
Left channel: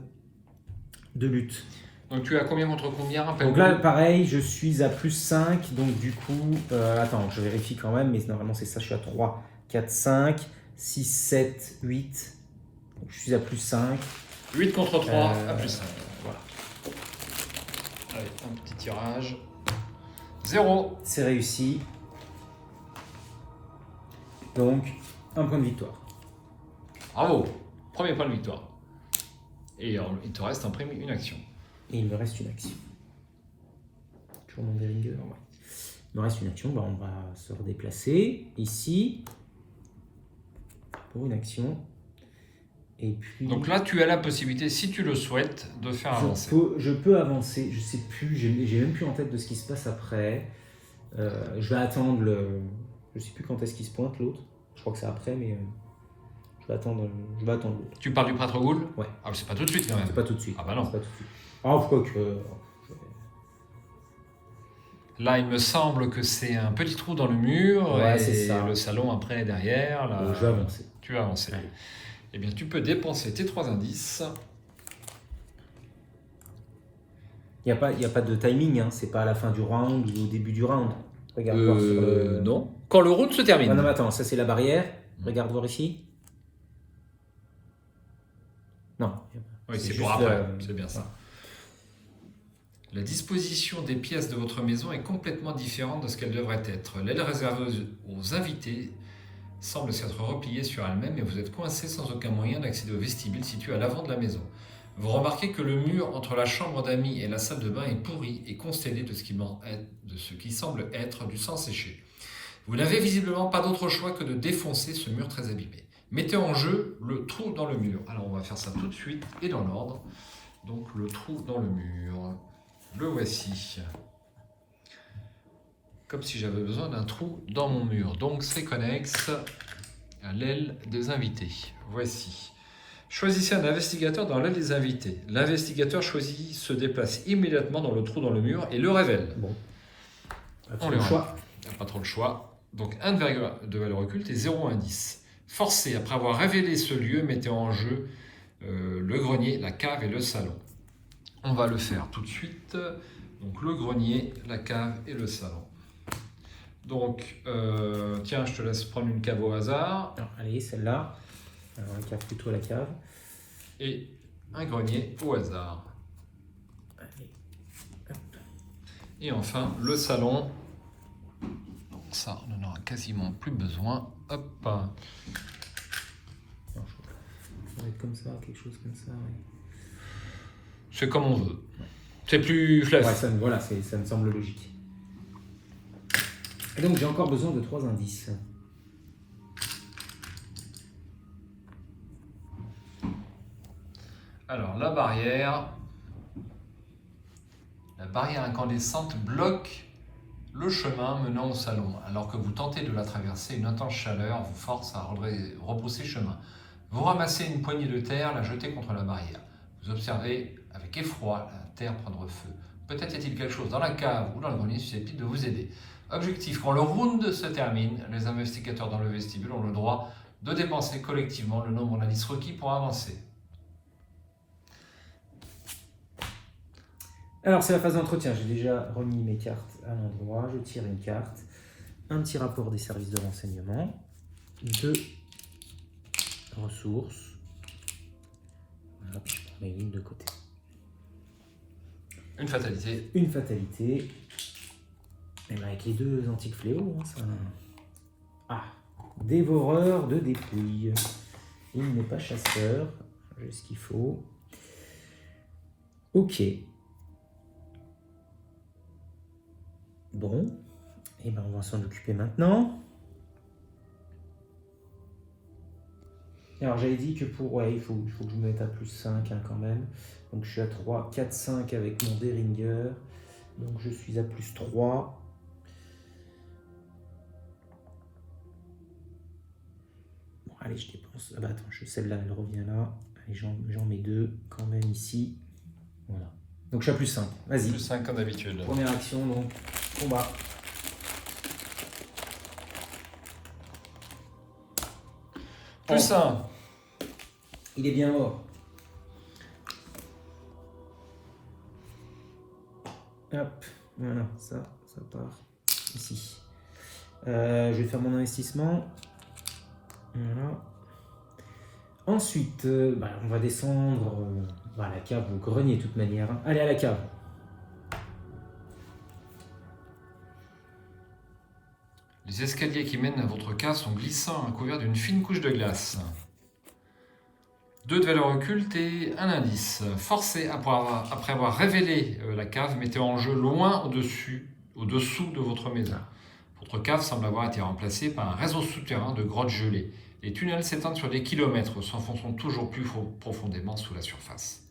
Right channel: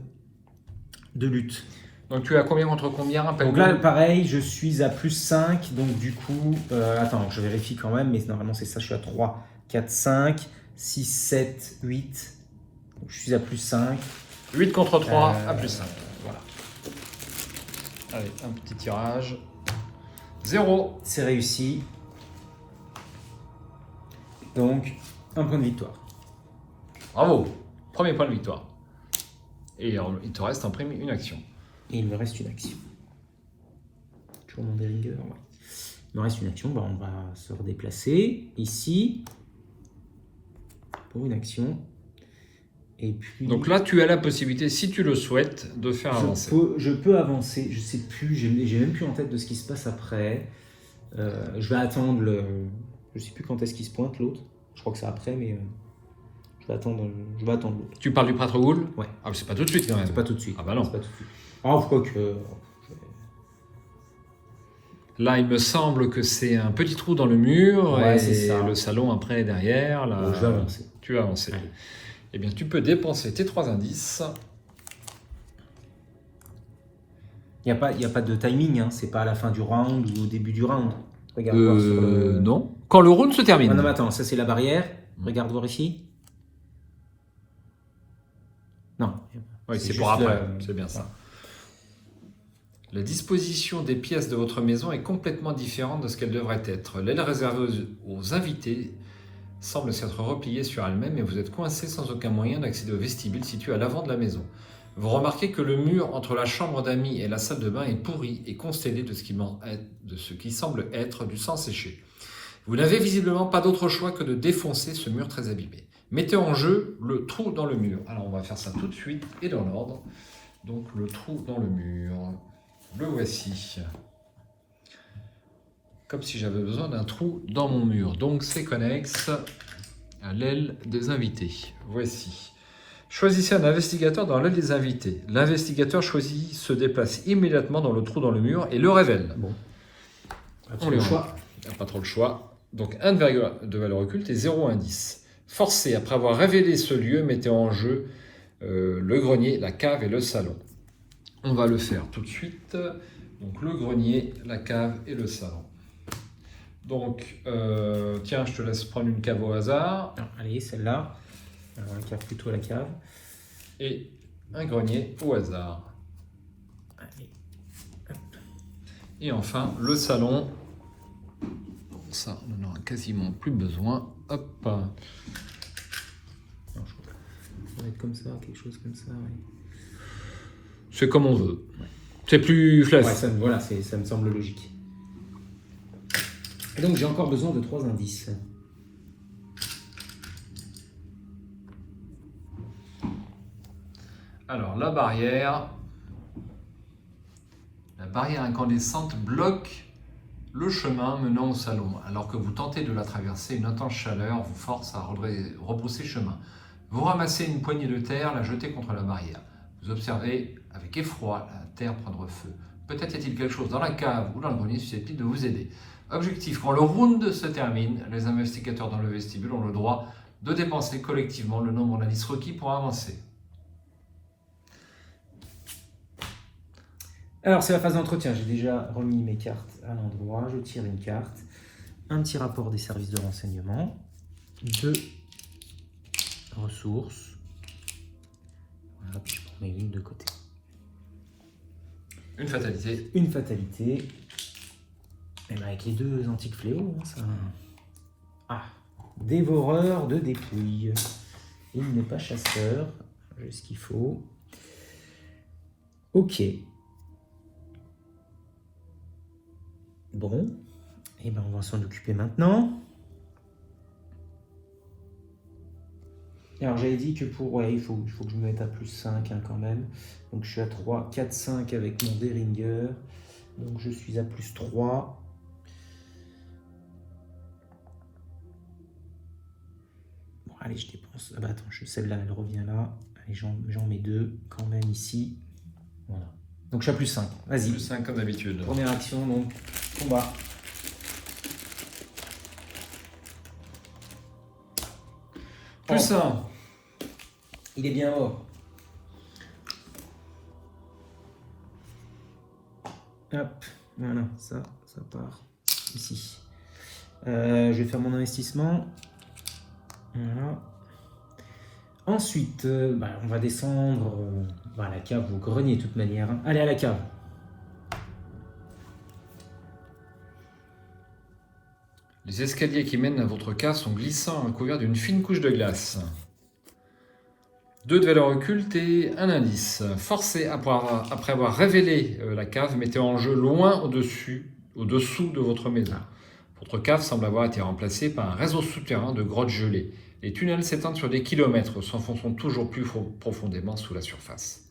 de lutte. Donc tu as combien contre combien? Donc là, pareil, je suis à plus 5. Donc du coup, attends, je vérifie quand même, mais normalement c'est ça, je suis à 3, 4, 5, 6, 7, 8. Donc je suis à plus 5. 8 contre 3 à plus 5. Voilà. Allez, un petit tirage. 0. C'est réussi. Donc, un point de victoire. Bravo. Premier point de victoire. Et il te reste en prime une action. Et il me reste une action. Toujours mon Deringer. Il me reste une action. Bah, on va se redéplacer ici pour une action. Et puis, Donc là, tu as la possibilité, si tu le souhaites, de faire avancer. je peux avancer. Je sais plus. J'ai même plus en tête de ce qui se passe après. Je vais attendre le. Je sais plus quand est-ce qu'il se pointe l'autre. Je crois que c'est après, mais je vais attendre l'autre. Tu parles du prêtre Ghoul? Ouais. Ah, mais c'est pas tout de suite quand même. C'est pas tout de suite. Ah bah non. C'est pas tout de suite. Ah, je crois que. Là, il me semble que c'est un petit trou dans le mur Ouais, et c'est ça. le salon après est derrière. Là, Je vais avancer. tu vas avancer. Allez. Eh bien, tu peux dépenser tes 3 indices. Il n'y a pas de timing, hein. C'est pas à la fin du round ou au début du round. Regarde voir sur le. Non. Quand le round se termine. Non, mais attends, ça c'est la barrière. Regarde voir ici. Non. Oui, c'est juste pour après. le- C'est bien ça. La disposition des pièces de votre maison est complètement différente de ce qu'elle devrait être. L'aile réservée aux invités semble s'être repliée sur elle-même et vous êtes coincé sans aucun moyen d'accéder au vestibule situé à l'avant de la maison. Vous remarquez que le mur entre la chambre d'amis et la salle de bain est pourri et constellé de ce qui semble être du sang séché. Vous n'avez visiblement pas d'autre choix que de défoncer ce mur très abîmé. Mettez en jeu le trou dans le mur. Alors on va faire ça tout de suite et dans l'ordre. Donc le trou dans le mur. Le voici. Comme si j'avais besoin d'un trou dans mon mur. Donc c'est connexe à l'aile des invités. Voici. Choisissez un investigateur dans l'aile des invités. L'investigateur choisi se déplace immédiatement dans le trou dans le mur et le révèle. Bon. On le choix. Il n'y a pas trop le choix. Donc 1 de valeur occulte et 0 indice. Forcé, après avoir révélé ce lieu, mettez en jeu le grenier, la cave et le salon. On va le faire tout de suite. Donc le grenier, la cave et le salon. Donc, tiens, je te laisse prendre une cave au hasard. Allez, celle-là. Alors, la cave plutôt la cave. Et un grenier au hasard. Allez. Et enfin, le salon. Bon, ça, on n'en aura quasiment plus besoin. Hop. Non, ça va être comme ça, quelque chose comme ça. Ouais. C'est comme on veut. C'est plus classe. Ouais, voilà, ça me semble logique. Et donc j'ai encore besoin de 3 indices. Alors la barrière incandescente bloque le chemin menant au salon. Alors que vous tentez de la traverser, une intense chaleur vous force à rebrousser chemin. Vous ramassez une poignée de terre, la jetez contre la barrière. Vous observez avec effroi la terre prendre feu. Peut-être y a-t-il quelque chose dans la cave ou dans le grenier susceptible de vous aider. Objectif, quand le round se termine, les investigateurs dans le vestibule ont le droit de dépenser collectivement le nombre d'indices requis pour avancer. Alors c'est la phase d'entretien, j'ai déjà remis mes cartes à l'endroit, je tire une carte, un petit rapport des services de renseignement, 2 ressources, voilà, puis je prends mes lignes de côté. Une fatalité. Une fatalité. Même avec les 2 antiques fléaux, hein, ça... Ah, dévoreur de dépouilles. Il n'est pas chasseur, j'ai ce qu'il faut. Ok. Bon, et ben on va s'en occuper maintenant. Alors j'avais dit que pour... Ouais, il faut que je me mette à plus 5 hein, quand même. Donc je suis à 3, 4, 5 avec mon Deringer. Donc je suis à plus 3. Bon, allez, je dépense. Ah bah attends, celle-là, elle revient là. Allez, j'en mets 2 quand même ici. Voilà. Donc je suis à plus 5. Vas-y. Plus 5 comme d'habitude. Première action, donc combat. Plus 1. Il est bien mort. Hop, voilà, ça part ici. Je vais faire mon investissement. Voilà. Ensuite, on va descendre à la cave, au grenier de toute manière. Allez, à la cave. Les escaliers qui mènent à votre cave sont glissants, couverts d'une fine couche de glace. 2 de valeur occulte et 1 indice. Forcé après avoir révélé la cave, mettez en jeu loin au-dessous de votre maison. Votre cave semble avoir été remplacée par un réseau souterrain de grottes gelées. Les tunnels s'étendent sur des kilomètres, s'enfonçant toujours plus profondément sous la surface.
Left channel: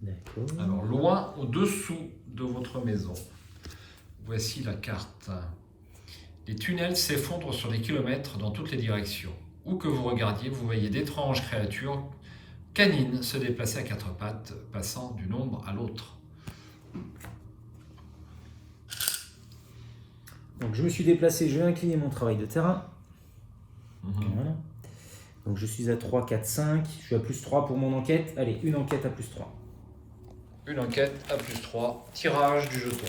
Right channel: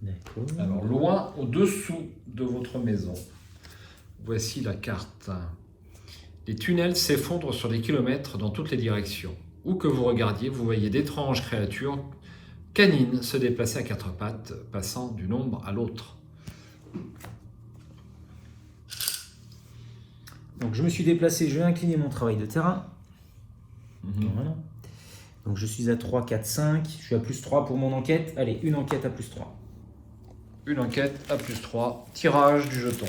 D'accord. Alors, loin au-dessous de votre maison. Voici la carte. Les tunnels s'effondrent sur des kilomètres dans toutes les directions. Où que vous regardiez, vous voyez d'étranges créatures canines se déplacer à 4 pattes, passant d'une ombre à l'autre. Donc je me suis déplacé, je vais incliner mon travail de terrain. Voilà. Donc je suis à 3, 4, 5. Je suis à plus 3 pour mon enquête. Allez, une enquête à plus 3. Une enquête à plus 3. Tirage du jeton.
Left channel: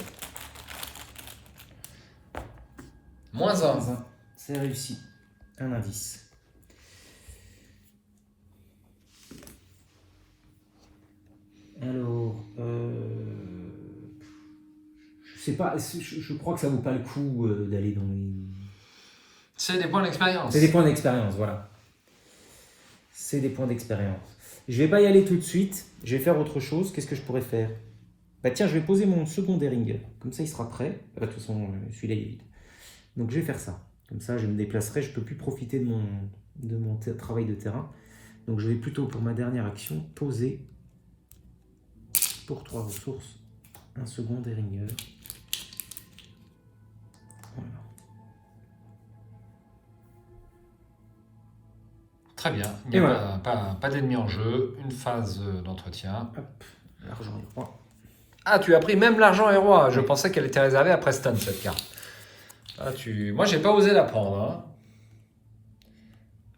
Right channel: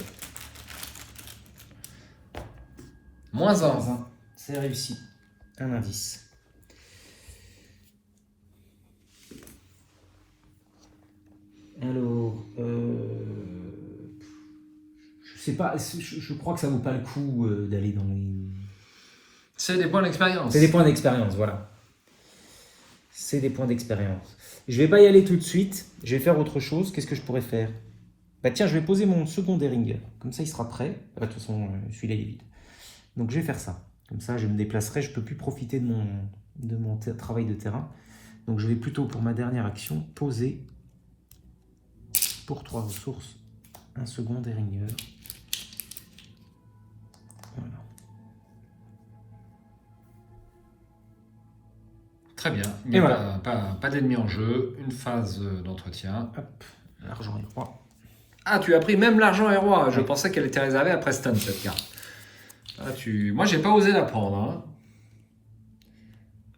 Moins 1. C'est réussi. Un indice. Alors, je sais pas, je crois que ça vaut pas le coup d'aller dans les... C'est des points d'expérience. C'est des points d'expérience, voilà. C'est des points d'expérience. Je vais pas y aller tout de suite. Je vais faire autre chose. Qu'est-ce que je pourrais faire? Bah tiens, je vais poser mon second Deringer. Comme ça, il sera prêt. De toute façon, celui-là, il est vide. Donc je vais faire ça. Comme ça, je me déplacerai. Je ne peux plus profiter de mon travail de terrain. Donc je vais plutôt, pour ma dernière action, poser pour 3 ressources un second Deringer. Voilà. Très bien. Il n'y a voilà. pas d'ennemis en jeu. Une phase d'entretien. Hop, l'argent est roi. Ah, tu as pris même l'argent et roi. Je Oui. pensais qu'elle était réservée à Preston, cette carte. Ah, moi, j'ai pas osé la prendre. Hein.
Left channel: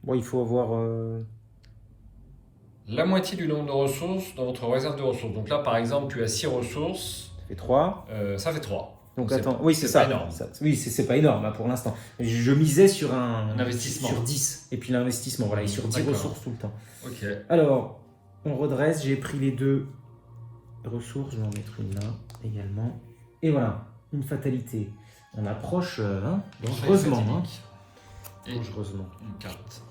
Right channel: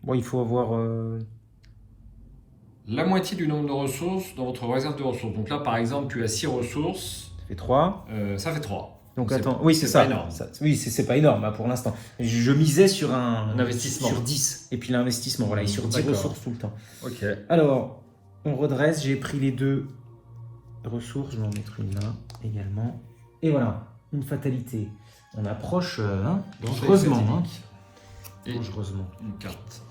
Bon, il faut avoir... La moitié du nombre de ressources dans votre réserve de ressources. Donc là, par exemple, tu as 6 ressources. Ça fait 3. Ça fait 3. Donc attends, oui, c'est ça. Pas énorme. Oui, c'est pas énorme hein, pour l'instant. Je misais sur un investissement. Sur 10. Et puis l'investissement, voilà, et sur 10 ressources tout le temps. Ok. Alors, on redresse. J'ai pris les 2 ressources. Je vais en mettre une là également. Et voilà, une fatalité. On approche dangereusement. Et une carte.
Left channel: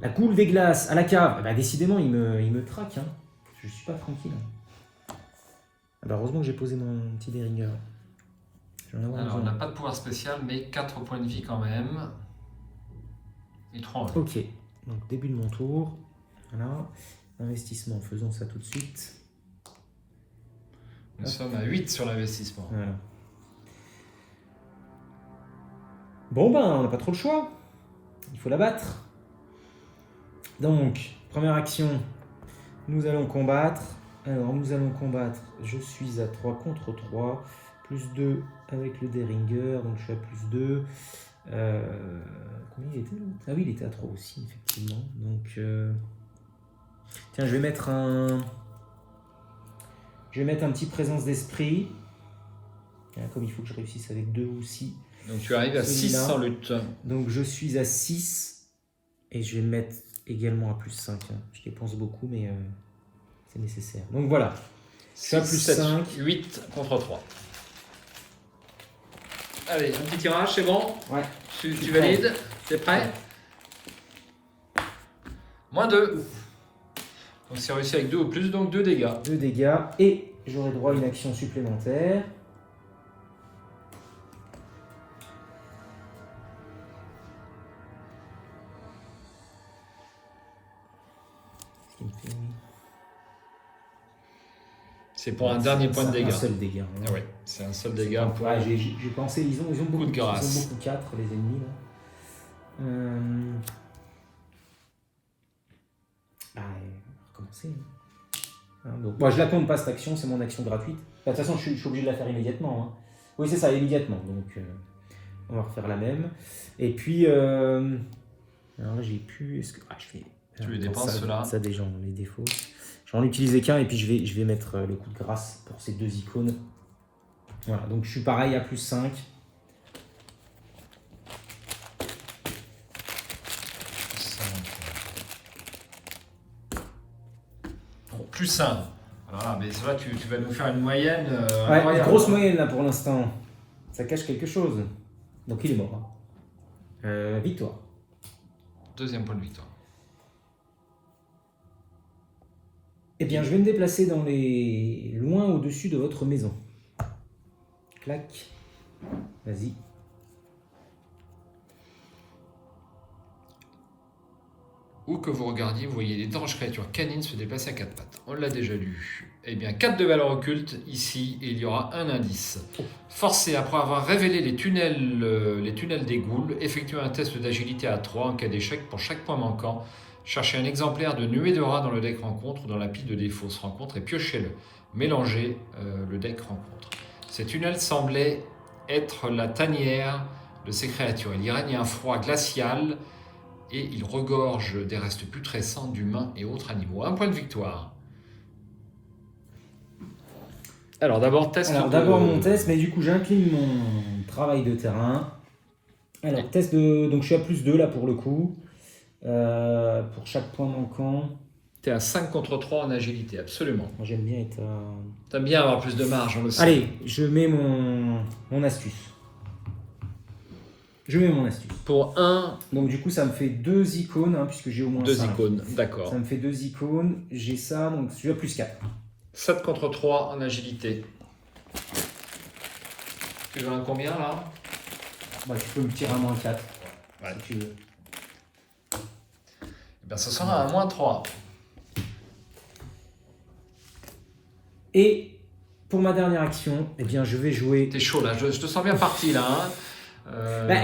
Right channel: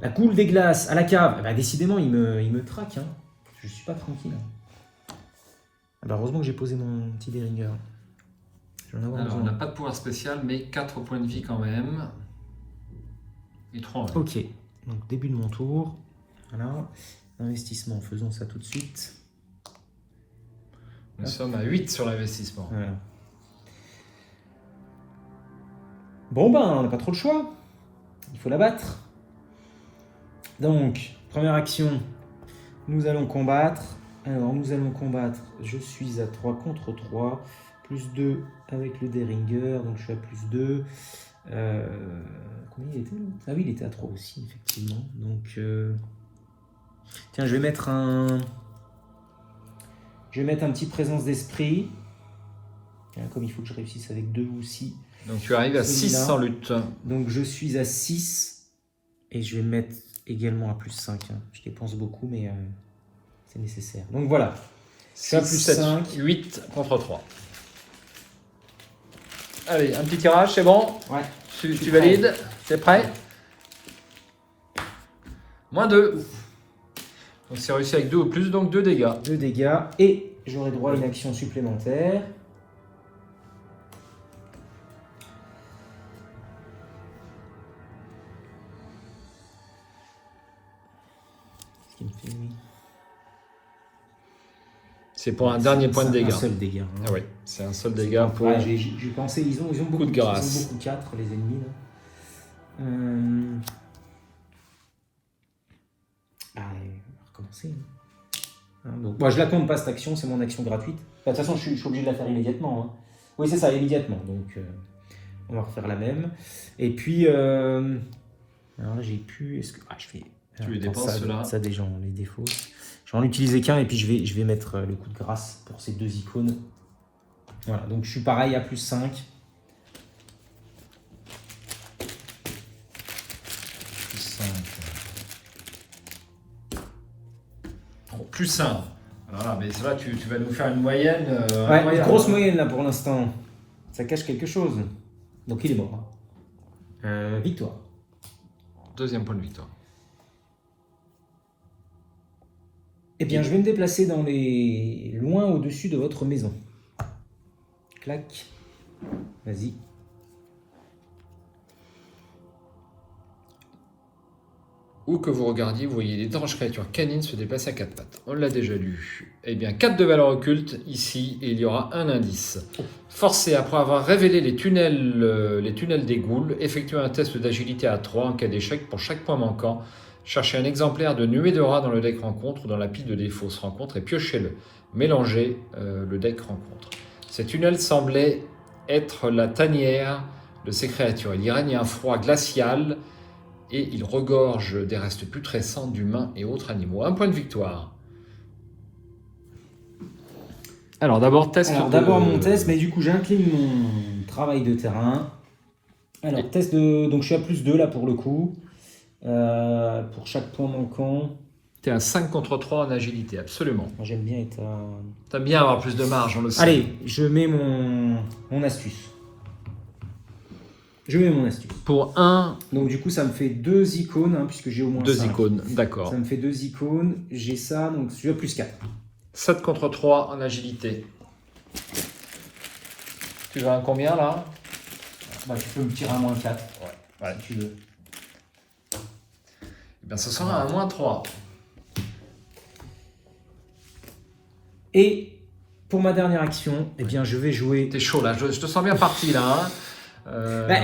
La coule des glaces à la cave. Bah, décidément, il me traque. Hein. Je suis pas tranquille. Ah bah, heureusement que j'ai posé mon petit Deringer. Alors, on n'a pas de pouvoir spécial, mais 4 points de vie quand même. Et 3 en vie. Ok, donc début de mon tour. Voilà. Investissement, faisons ça tout de suite. Nous sommes à 8 sur l'investissement. Voilà. Bon ben, on n'a pas trop le choix. Il faut la battre. Donc, première action, nous allons combattre. Alors, nous allons combattre. Je suis à 3 contre 3. Plus 2 avec le Deringer, donc je suis à plus 2. Combien il était l'autre? Ah oui, il était à 3 aussi, effectivement. Donc, tiens, je vais mettre un petit présence d'esprit. Comme il faut que je réussisse avec 2 ou 6. Donc tu arrives à 6 sans lutte. Donc je suis à 6. Et je vais mettre également à plus 5. Hein. Je dépense beaucoup, mais c'est nécessaire. Donc voilà. Je suis à plus 7, 5. 8 contre 3. Allez, un petit tirage, c'est bon? Ouais. Tu valides? T'es prêt? Moins 2. Donc c'est réussi avec 2 ou plus, donc 2 dégâts. 2 dégâts. Et j'aurai droit à une action supplémentaire. C'est pour un dernier point de dégâts. Un seul dégât. Ah oui, c'est un seul dégât pour... Ouais, j'ai pensé, ils ont beaucoup de grâce. Ils ont beaucoup 4, les ennemis. Là. Ah, on va recommencer. Donc, moi, je la compte pas cette action, c'est mon action gratuite. De toute façon, je suis obligé de la faire immédiatement. Hein. Oui, c'est ça, immédiatement. Donc, on va refaire la même. Et puis, alors là, j'ai pu... Est-ce que... Ah, je fais... Tu les dépenses, ceux-là. Ça, déjà, on les défaut. J'en ai utilisé qu'un et puis je vais mettre le coup de grâce pour ces 2 icônes. Voilà, donc je suis pareil à plus 5. Plus 5. Voilà, mais là, tu vas nous faire une moyenne. Ouais, une grosse moyenne là pour l'instant. Ça cache quelque chose. Donc il est mort. Victoire. Deuxième point de victoire. Eh bien, je vais me déplacer dans les... loin au-dessus de votre maison. Clac. Vas-y. Où que vous regardiez, vous voyez d'étranges créatures canines se déplacer à 4 pattes. On l'a déjà lu. Eh bien, 4 de valeur occulte ici, et il y aura un indice. Forcé après avoir révélé les tunnels des ghouls, effectuez un test d'agilité à 3 en cas d'échec pour chaque point manquant. Cherchez un exemplaire de nuée de rats dans le deck rencontre ou dans la pile de des fausses rencontres et piochez-le. Mélangez le deck rencontre. Ces tunnels semblaient être la tanière de ces créatures. Il y règne un froid glacial et il regorge des restes putrescents d'humains et autres animaux. Un point de victoire. Alors d'abord test. Alors d'abord mon test, mais du coup j'incline mon travail de terrain. Alors test de... Donc je suis à plus 2 là pour le coup. Pour chaque point manquant. Tu es à 5 contre 3 en agilité, absolument. Moi j'aime bien être à... T'aimes bien avoir plus de marge, on le sait. Allez, je mets mon astuce. Je mets mon astuce. Pour 1... Donc du coup ça me fait 2 icônes, hein, puisque j'ai au moins 2 5. icônes, d'accord. Ça me fait 2 icônes. J'ai ça, donc je suis à plus 4. 7 contre 3 en agilité. Tu veux un combien là? Bah, tu peux me tirer un moins 4. Ouais. Si tu veux. Eh bien, ce sera un moins 3. Et pour ma dernière action, eh bien, je vais jouer. T'es chaud là, je te sens bien parti là. Hein. Bah,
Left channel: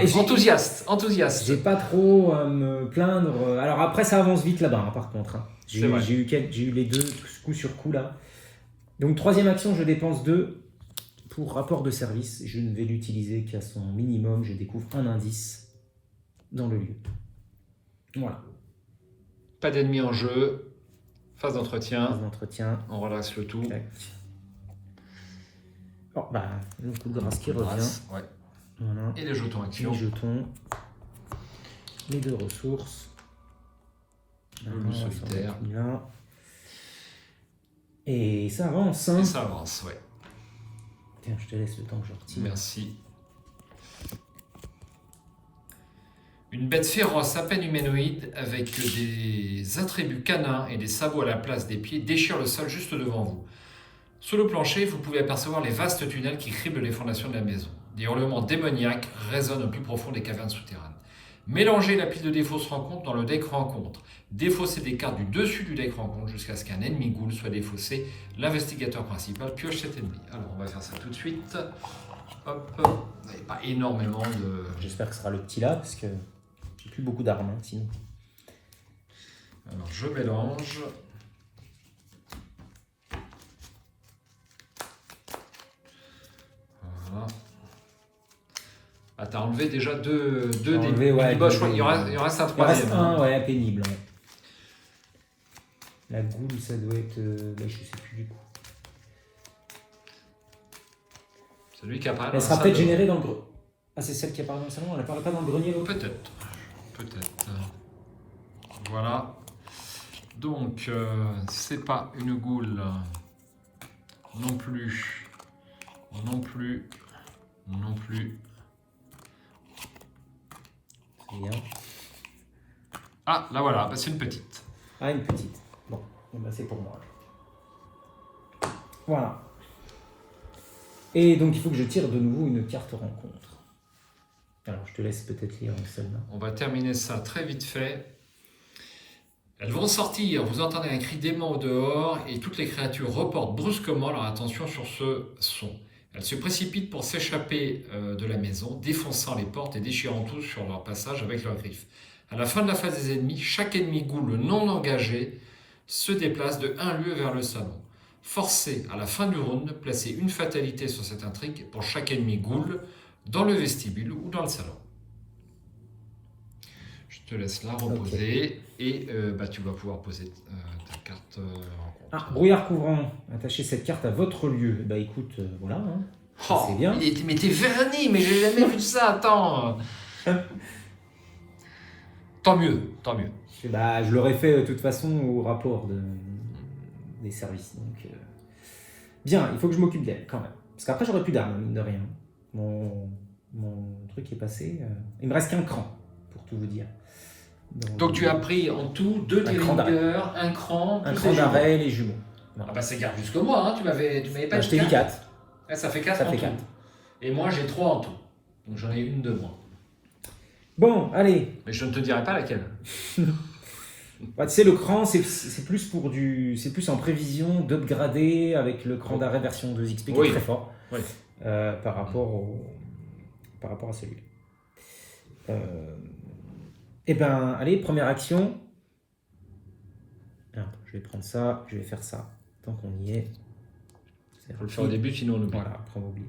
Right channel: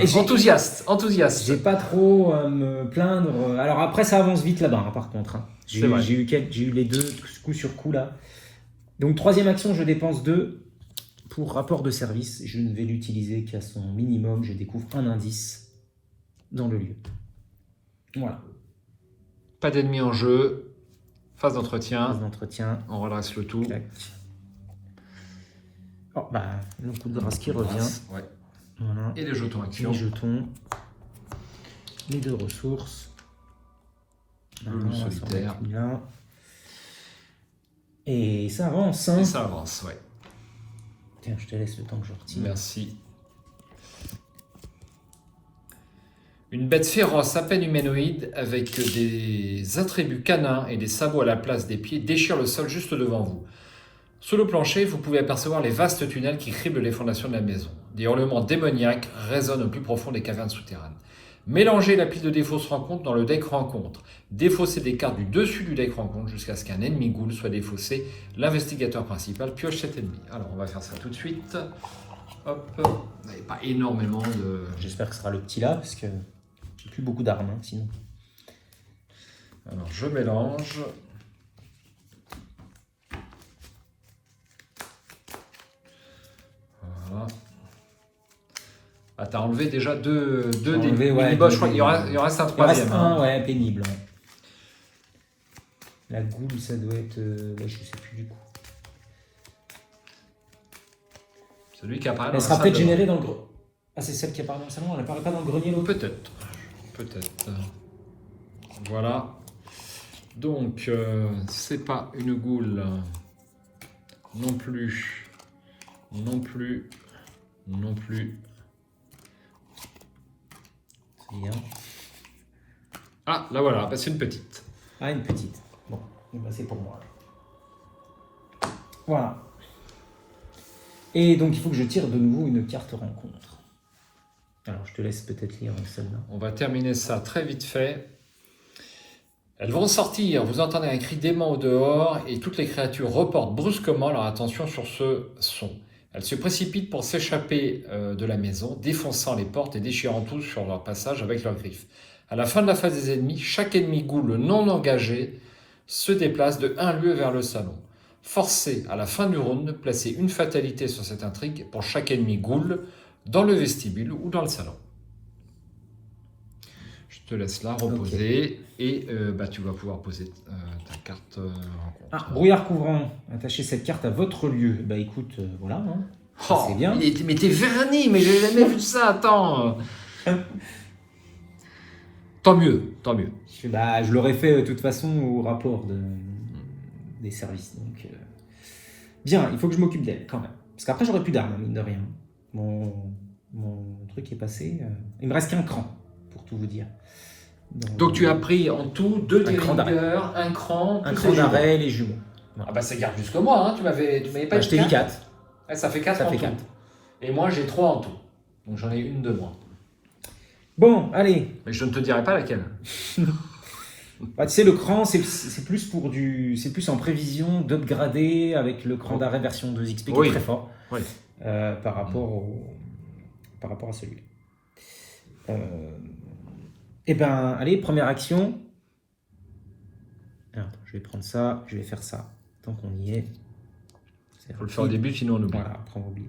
Enthousiaste. J'ai pas trop à me plaindre. Alors après, ça avance vite là-bas, hein, par contre. Hein. J'ai eu les deux coup sur coup là. Donc, troisième action, je dépense 2 pour rapport de service. Je ne vais l'utiliser qu'à son minimum. Je découvre un indice dans le lieu. Voilà. Pas d'ennemis en jeu. Phase d'entretien. Phase d'entretien. On redresse le tout. Clac. Oh, bah, le coup de grâce qui revient. Ouais. Voilà. Et les jetons action. Les jetons. Les 2 ressources. Le solitaire. Là. Et ça avance. Hein. Et ça avance, ouais. Tiens, je te laisse le temps que je retire. Merci. Une bête féroce, à peine humanoïde, avec des attributs canins et des sabots à la place des pieds, déchire le sol juste devant vous. Sous le plancher, vous pouvez apercevoir les vastes tunnels qui criblent les fondations de la maison. Des hurlements démoniaques résonnent au plus profond des cavernes souterraines. Mélangez la pile de défausse rencontre dans le deck rencontre. Défaussez des cartes du dessus du deck rencontre jusqu'à ce qu'un ennemi ghoul soit défaussé. L'investigateur principal pioche cet ennemi. Alors, on va faire ça tout de suite. Hop. Il n'y a pas énormément de... J'espère que ce sera le petit là, parce que j'ai plus beaucoup d'armes, hein, sinon. Alors, je mélange. Voilà. Ah, t'as enlevé déjà deux des mini-boss, je crois qu'il y en reste un troisième. Il en reste un, ouais, pénible. Hein. La goule, ça doit être... je sais plus du coup. Celui qui apparaît dans Elle le sera peut-être salon. générée dans le... Ah, c'est celle qui apparaît dans le salon, elle apparaît pas dans le grenier, l'autre? Peut-être. Voilà. Donc, c'est pas une goule. Non plus. Bien. Ah, là voilà, bah, c'est une petite. Ah, une petite. Bon, bah, c'est pour moi. Voilà. Et donc, il faut que je tire de nouveau une carte rencontre. Alors, je te laisse peut-être lire celle-là. On va terminer ça très vite fait. Elles vont sortir, vous entendez un cri d'aimant au dehors et toutes les créatures reportent brusquement leur attention sur ce son. Elles se précipitent pour s'échapper de la maison, défonçant les portes et déchirant tout sur leur passage avec leurs griffes. À la fin de la phase des ennemis, chaque ennemi ghoul non engagé se déplace de 1 lieu vers le salon. Forcez à la fin du round, placer une fatalité sur cette intrigue pour chaque ennemi ghoul dans le vestibule ou dans le salon. Je te laisse là reposer et tu vas pouvoir poser ta carte. Brouillard couvrant, attachez cette carte à votre lieu. Bah écoute, voilà, hein. C'est bien. Mais t'es verni, mais j'ai jamais vu ça, attends. Tant mieux. Bah, je l'aurais fait de toute façon au rapport des services. Donc, bien, il faut que je m'occupe d'elle quand même. Parce qu'après, j'aurais plus d'armes, mine de rien. Mon truc est passé. Il me reste qu'un cran, pour tout vous dire. Donc tu as pris en tout 2 leaders, un cran d'arrêt, les jumeaux. Ah bah ça garde jusqu'au moi, hein. Tu m'avais pas je t'ai dit 4. Ouais, ça fait 4 Ça en fait tout. 4. Et moi j'ai 3 en tout. Donc j'en ai une de moins. Bon, allez. Mais je ne te dirai pas laquelle. Bah, tu sais, le cran, c'est plus c'est plus en prévision d'upgrader avec le cran d'arrêt version 2XP qui est très fort par rapport à celui. Eh ben, allez, première action. Alors, je vais prendre ça, je vais faire ça. Tant qu'on y est. Il faut le faire au début, sinon on oublie. Voilà, après on oublie.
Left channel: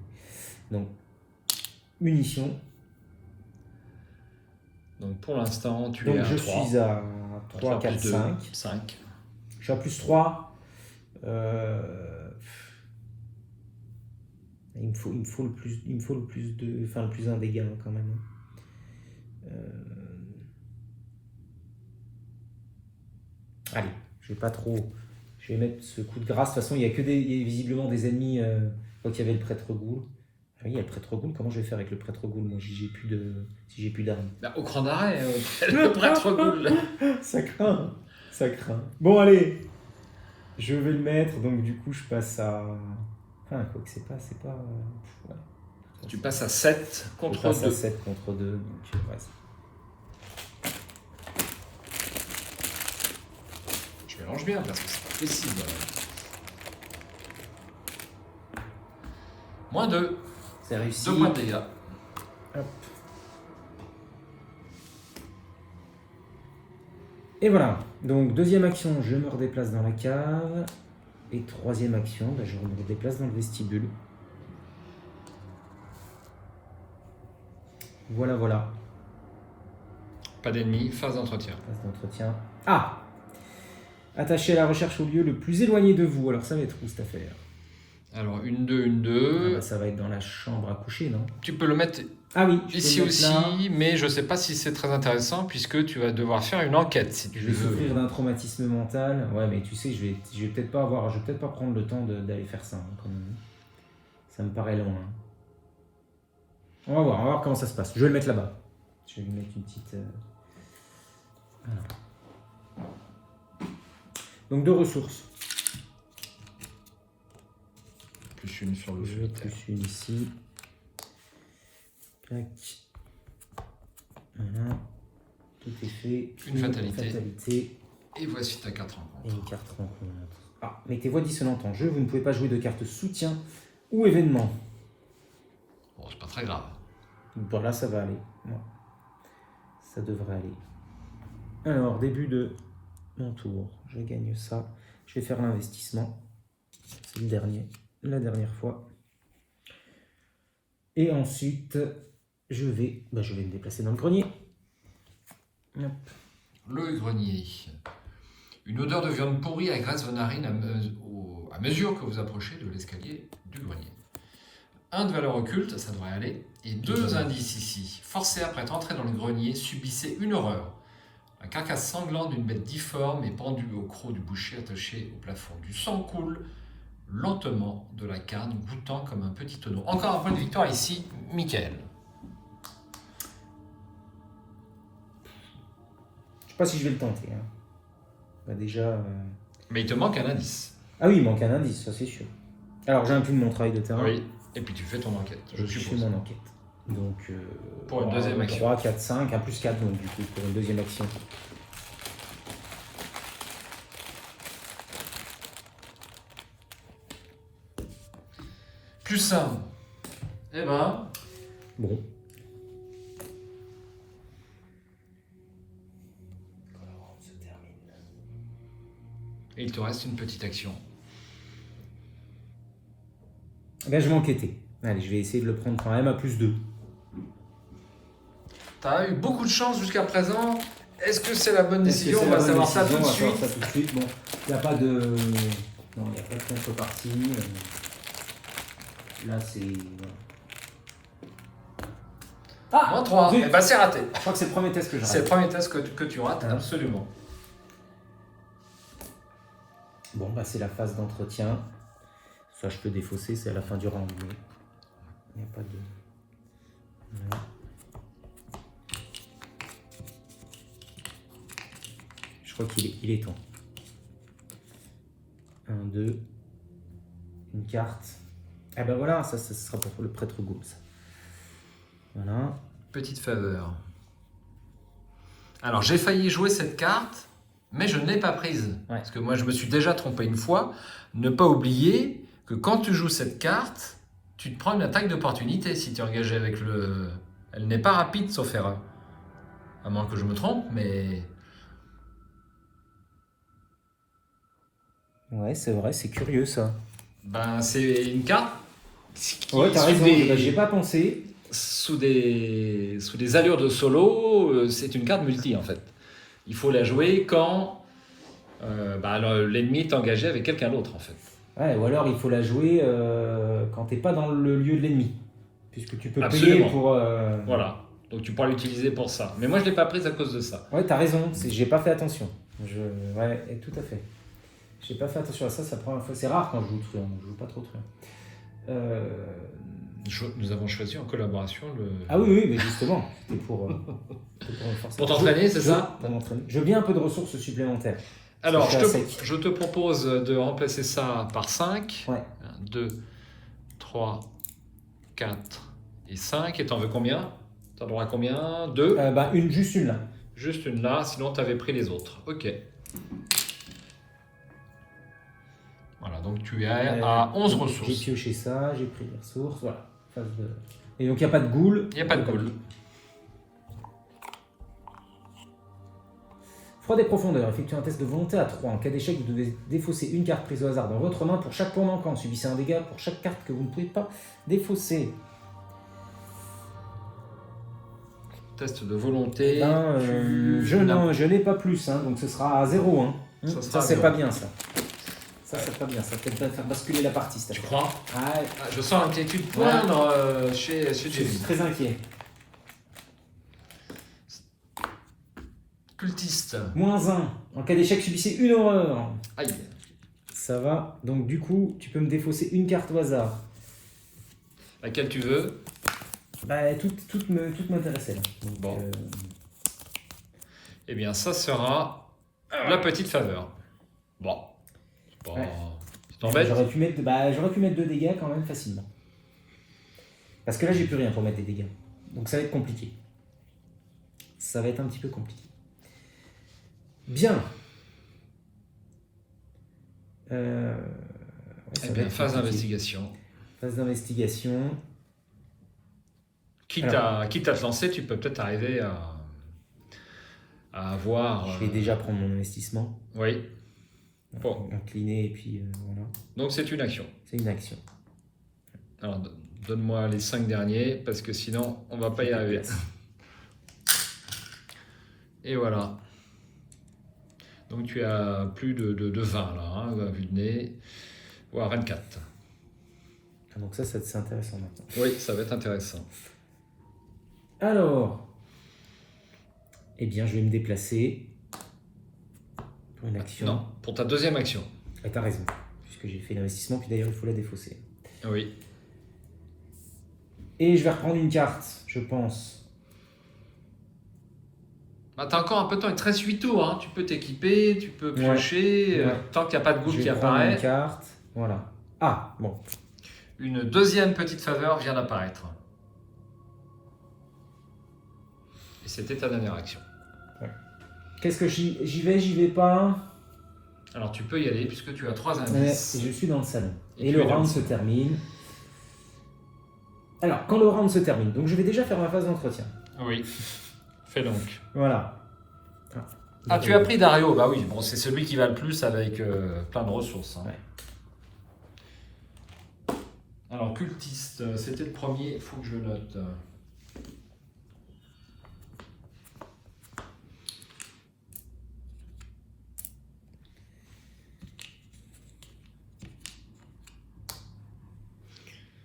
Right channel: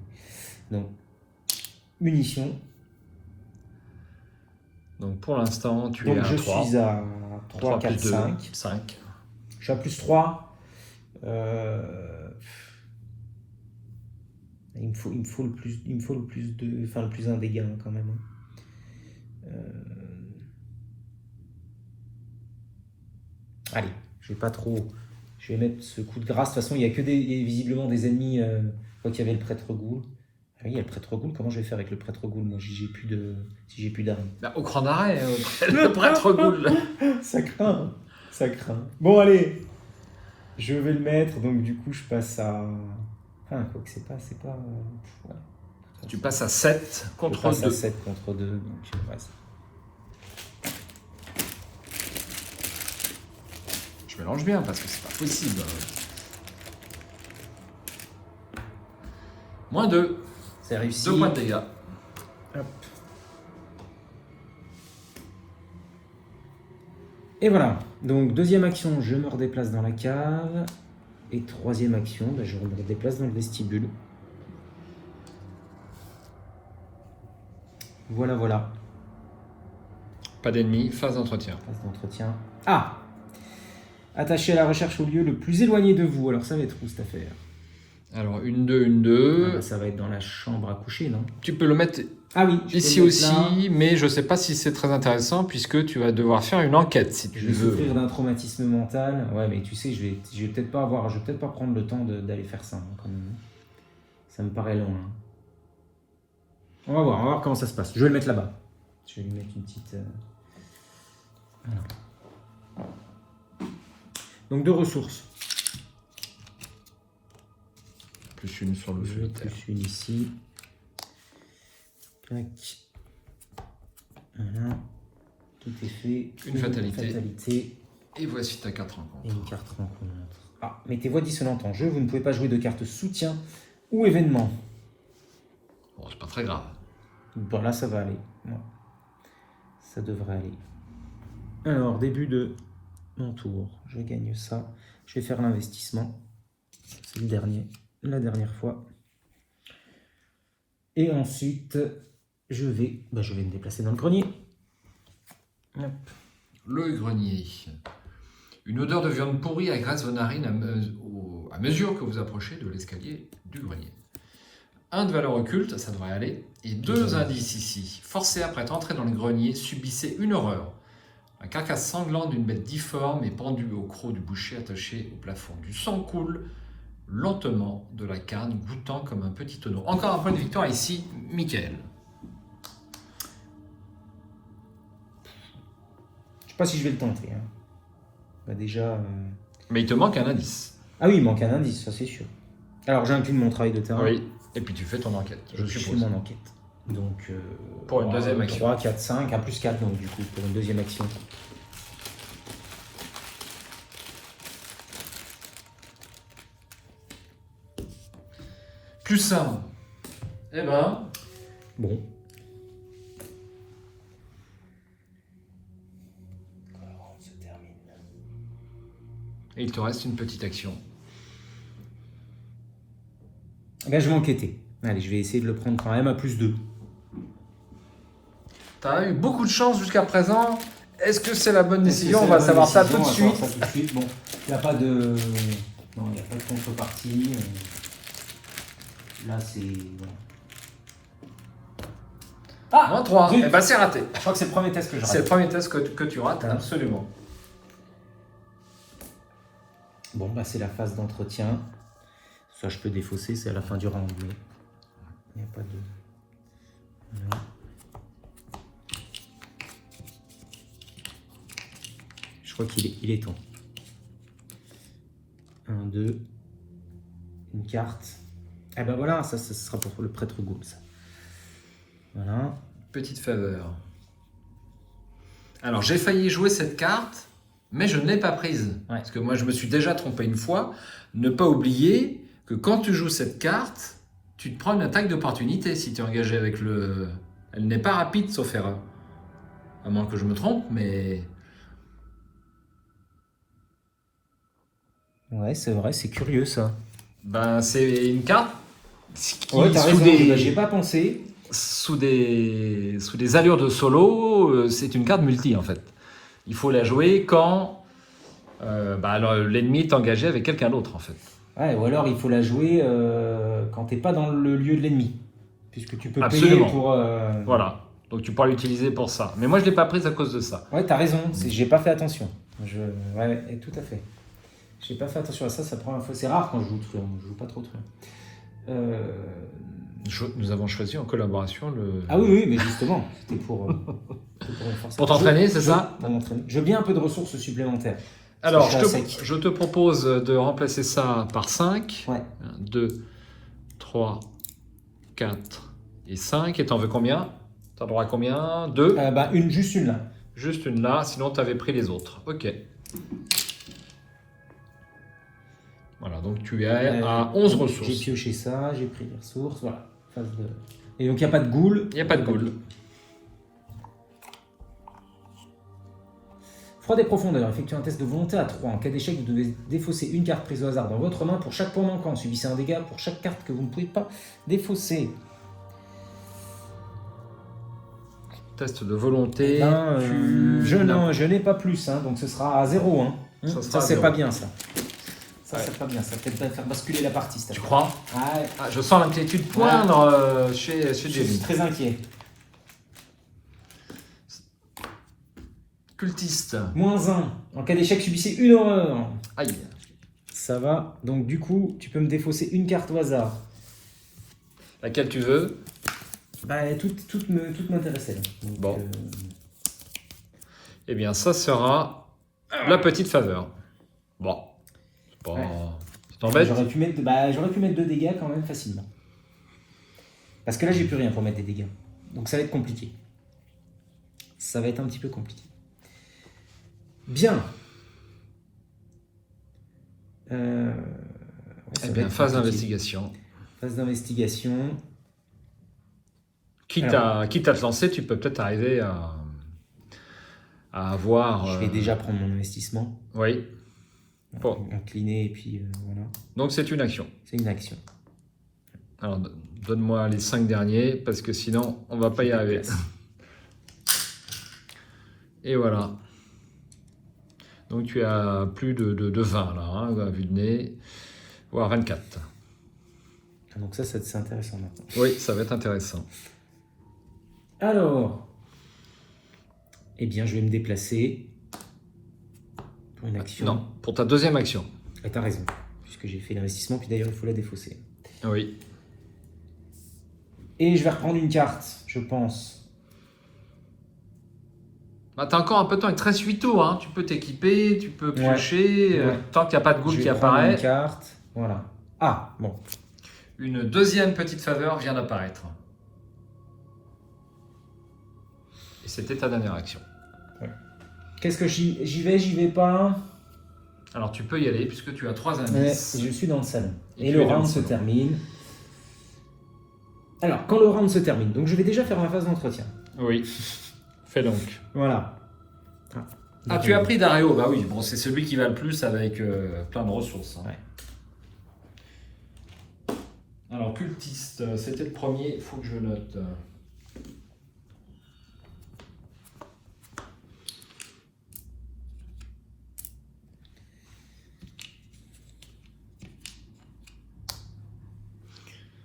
Donc, munitions. Donc pour l'instant, tu es Donc à je 3. suis à 3, 4, 5. 5. Je suis à plus 3. Il me faut le plus de. Enfin, le plus 1 dégâts quand même. Allez, je vais pas trop. Je vais mettre ce coup de grâce. De toute façon, il n'y a que visiblement des ennemis. Quand il y avait le prêtre ghoul. Ah oui, il y a le prêtre ghoul. Comment je vais faire avec le prêtre ghoul? Moi, si j'ai plus d'armes. Au cran d'arrêt, le prêtre ghoul. Ça craint. Ça craint. Bon, allez. Je vais le mettre, donc du coup je passe à... Enfin, quoi que c'est pas... ouais. Tu passes à 7 Je contre passe à 2. 7 contre 2, donc vas-y. Je mélange bien parce que c'est pas possible. Moins 2. C'est réussi. 2 points de dégâts. Hop. Et voilà. Donc deuxième action, je me redéplace dans la cave. Et troisième action, je me redéplace dans le vestibule. Voilà, voilà. Pas d'ennemis, phase d'entretien. Phase d'entretien. Ah! Attaché à la recherche au lieu le plus éloigné de vous. Alors ça va être où cette affaire? Alors, 1-2, 1-2. Ah bah, ça va être dans la chambre à coucher, non? Tu peux le mettre Ah oui, je peux ici le mettre là. aussi, mais je ne sais pas si c'est très intéressant puisque tu vas devoir faire une enquête si tu Je vais veux. souffrir d'un traumatisme mental. Ouais, mais tu sais, je vais peut-être pas prendre le temps d'aller faire ça, hein, quand même. Ça me paraît loin. On va voir comment ça se passe. Je vais le mettre là-bas. Je vais lui mettre une petite... Donc 2 ressources. Plus une sur le Je vais solitaire. plus une ici. Clac. Voilà. Tout est fait. Une fatalité. Fatalité. Et voici ta carte rencontre. Et une carte rencontre. Ah, mettez voix dissonante en jeu. Vous ne pouvez pas jouer de carte soutien ou événement. Bon, c'est pas très grave. Bon, là, ça va aller. Ouais. Ça devrait aller. Alors, début de mon tour. Je gagne ça. Je vais faire l'investissement. C'est le dernier. La dernière fois. Et ensuite, je vais me déplacer dans le grenier. Ouais. Le grenier. Une odeur de viande pourrie agresse vos narines à mesure que vous approchez de l'escalier du grenier. 1 de valeur occulte, ça devrait aller, et 2 indices ici. Forcé après être entré dans le grenier, subissez une horreur. La carcasse sanglante d'une bête difforme est pendue au croc du boucher attaché au plafond. Du sang coule lentement de la carne, goûtant comme un petit tonneau. Encore un point de victoire ici, Michael. Je sais pas si je vais le tenter. Hein. Bah déjà... Mais il te manque un indice. Ah oui, il manque un indice, ça c'est sûr. Alors j'incline mon travail de terrain. Oui, et puis tu fais ton enquête, Je fais suppose. mon enquête. Donc, Pour une deuxième action. 3, 4, 5, 1 plus 4, donc du coup, pour une deuxième action. Plus 1. Eh ben, Bon. et il te reste une petite action. Là, je vais enquêter. Allez, je vais essayer de le prendre quand même à plus 2. Tu as eu beaucoup de chance jusqu'à présent. Est-ce que c'est la bonne décision? On va savoir ça tout de suite. Bon, il n'y a pas de... Non, il n'y a pas de contrepartie. Là, c'est... Ah, Moins 3. zut. Eh ben, c'est raté. Je crois que c'est le premier test que je C'est le rate. premier test que tu rates, absolument. Bon, bah, c'est la phase d'entretien. Ça, je peux défausser, c'est à la fin du round. Mais pas de... Voilà. Je crois qu'il est temps. 1, 2. Une carte. Eh ben voilà, ça sera pour le prêtre Gaulle, ça. Voilà. Petite faveur. Alors, j'ai failli jouer cette carte, mais je ne l'ai pas prise. Ouais. Parce que moi, je me suis déjà trompé une fois. Ne pas oublier que quand tu joues cette carte, tu te prends une attaque d'opportunité si tu es engagé avec le... Elle n'est pas rapide, sauf erreur. À moins que je me trompe, mais... Ouais, c'est vrai, c'est curieux, ça. Ben, c'est une carte... qui, Ouais, t'as sous raison, des- bah, j'y ai pas pensé. sous des allures de solo, c'est une carte multi en fait. Il faut la jouer quand l'ennemi est engagé avec quelqu'un d'autre en fait. Ouais, ou alors, il faut la jouer quand t'es pas dans le lieu de l'ennemi. Puisque tu peux Absolument. payer pour... Voilà, donc tu pourras l'utiliser pour ça. Mais moi je ne l'ai pas prise à cause de ça. Ouais, t'as raison, j'ai pas fait attention. Ouais, tout à fait. J'ai pas fait attention à ça, ça prend un fois. C'est rare quand je joue truand, je joue pas trop truand. Nous avons choisi en collaboration le... Ah oui, mais justement, c'était pour renforcer. Pour t'entraîner, c'est ça? Pour m'entraîner. Je veux bien un peu de ressources supplémentaires. Alors, Ça, je suis à sec. je te propose de remplacer ça par 5. Ouais. 2, 3, 4 et 5. Et t'en veux combien? T'as droit à combien? 2? Bah, juste une là. Juste une là, sinon tu avais pris les autres. Ok. Voilà, donc tu es à 11 J'ai ressources. pioché ça, j'ai pris les ressources, voilà. Et donc il n'y a pas de goule. Il n'y a pas de goule. Froid et profondeur. Effectuez un test de volonté à 3. En cas d'échec, vous devez défausser une carte prise au hasard dans votre main pour chaque point manquant. Subissez un dégât pour chaque carte que vous ne pouvez pas défausser. Test de volonté. Je n'ai pas plus, hein, donc ce sera à 0. Hein. Ça, c'est pas bien ça. Ça, c'est pas bien. Ça peut peut-être faire basculer la partie. Tu crois? Ouais. Ah, je sens l'inquiétude poindre chez Je suis Jamie. très inquiet. Cultiste. -1. En cas d'échec, subissez une horreur. Aïe. Ça va. Donc du coup, tu peux me défausser une carte au hasard. Laquelle tu veux? Bah, toute m'intéressait là. Donc, Bon. Eh bien, ça sera la petite faveur. Bon. C'est pas... Ouais. Tu t'embêtes? j'aurais pu mettre 2 dégâts quand même facilement. Parce que là, j'ai plus rien pour mettre des dégâts. Donc ça va être compliqué. Ça va être un petit peu compliqué. Bien. Ça Eh va bien, être phase compliqué. d'investigation. Phase d'investigation. Quitte à te lancer, tu peux peut-être arriver à avoir... Je vais déjà prendre mon investissement. Oui. Bon. Incliner et puis voilà. Donc c'est une action. C'est une action. Alors donne-moi les 5 derniers parce que sinon on va pas y arriver. Et voilà. Donc tu as plus de 20 là, hein, à vue de nez, voire 24. Donc ça c'est intéressant maintenant. Oui, ça va être intéressant. Alors, eh bien je vais me déplacer pour une action. Non, pour ta deuxième action. Et t'as raison, puisque j'ai fait l'investissement, puis d'ailleurs il faut la défausser. Oui. Et je vais reprendre une carte, je pense. Bah, t'as encore un peu de temps, il te reste 8 tours, hein. Tu peux t'équiper, tu peux piocher, Ouais. tant qu'il n'y a pas de goule Je qui vais prendre apparaît. une carte, voilà. Ah, bon. Une deuxième petite faveur vient d'apparaître. Et c'était ta dernière action. Qu'est-ce que j'y vais pas. Alors tu peux y aller puisque tu as 3 Mais indices. je suis dans le salon. Et Et tu le es dans round le se salon. termine. Alors, quand le round se termine, donc je vais déjà faire ma phase d'entretien. Oui. Fais donc. Voilà. Ah, tu as pris Dario, bah oui, bon, c'est celui qui va le plus avec plein de ressources. Hein. Ouais. Alors, cultiste, c'était le premier, il faut que je note.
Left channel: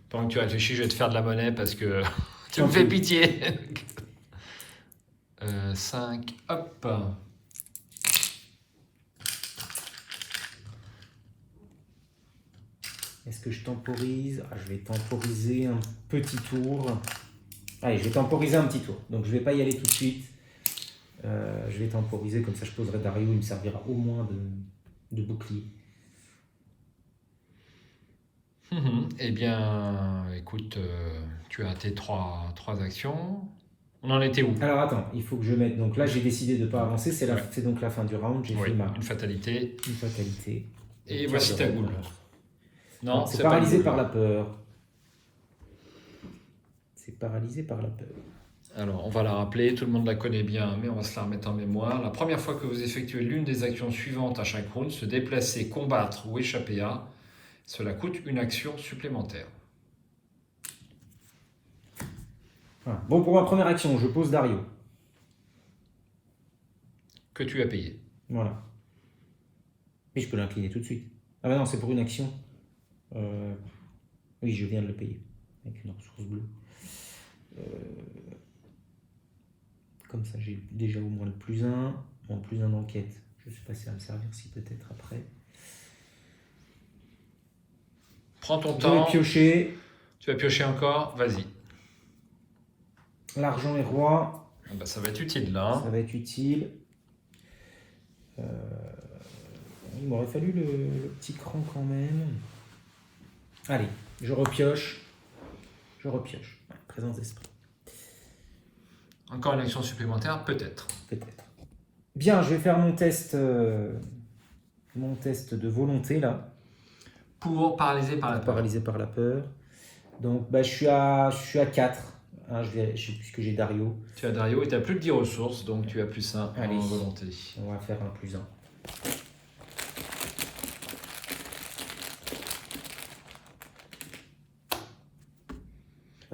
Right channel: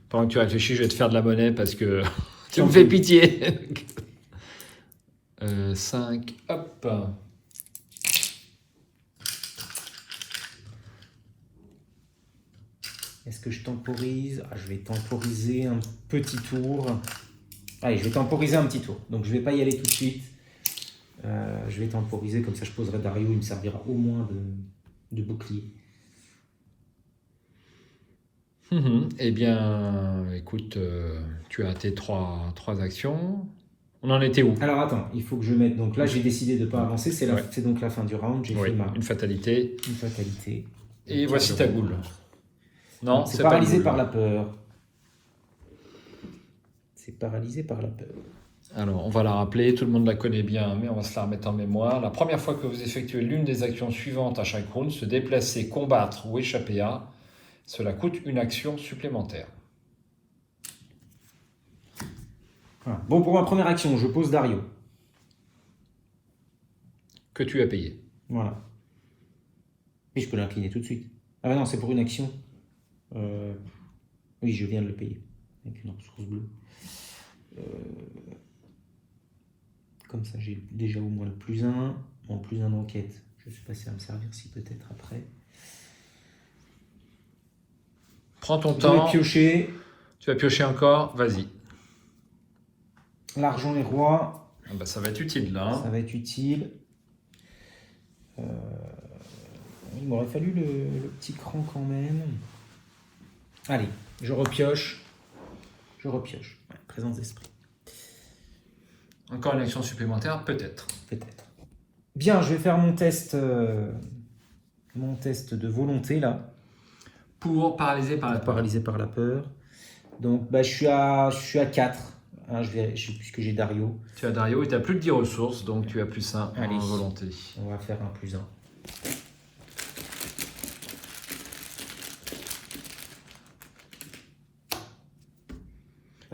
Pendant que tu réfléchis, je vais te faire de la monnaie parce que tu me fais pitié. 5, hop. Est-ce que je temporise? Je vais temporiser un petit tour. Allez, je vais temporiser un petit tour. Donc je ne vais pas y aller tout de suite. Je vais temporiser, comme ça je poserai Dario, il me servira au moins de bouclier. Eh bien, écoute, tu as tes trois actions. On en était où? Alors attends, il faut que je mette. Donc là, j'ai décidé de ne pas avancer. C'est donc la fin du round. J'ai fait une fatalité. Une fatalité. Et voici ta goule. Non, c'est paralysé par la peur. C'est paralysé par la peur. Alors, on va la rappeler, tout le monde la connaît bien, mais on va se la remettre en mémoire. La première fois que vous effectuez l'une des actions suivantes à chaque round, se déplacer, combattre ou échapper à, cela coûte une action supplémentaire. Voilà. Bon, pour ma première action, je pose Dario. Que tu as payé. Voilà. Et je peux l'incliner tout de suite. Ah bah non, c'est pour une action. Oui, je viens de le payer. Avec une ressource bleue. Comme ça, j'ai déjà au moins le +1. Bon, +1 d'enquête. Je suis passé à me servir si peut-être après. Prends ton Je temps. vais piocher. Tu vas piocher encore, vas-y. L'argent est roi. Ça va être utile là. Ça va être utile. il m'aurait fallu le petit cran quand même. Allez, je repioche. Ouais, présence d'esprit. Encore une action supplémentaire, peut-être. Peut-être. Bien, je vais faire mon test de volonté là. Pour paralyser par la peur. Paralysé par la peur. Donc je suis à 4. Hein, puisque j'ai Dario. Tu as Dario et tu n'as plus de 10 ressources, donc tu as plus 1 en Allez. volonté. On va faire un plus 1.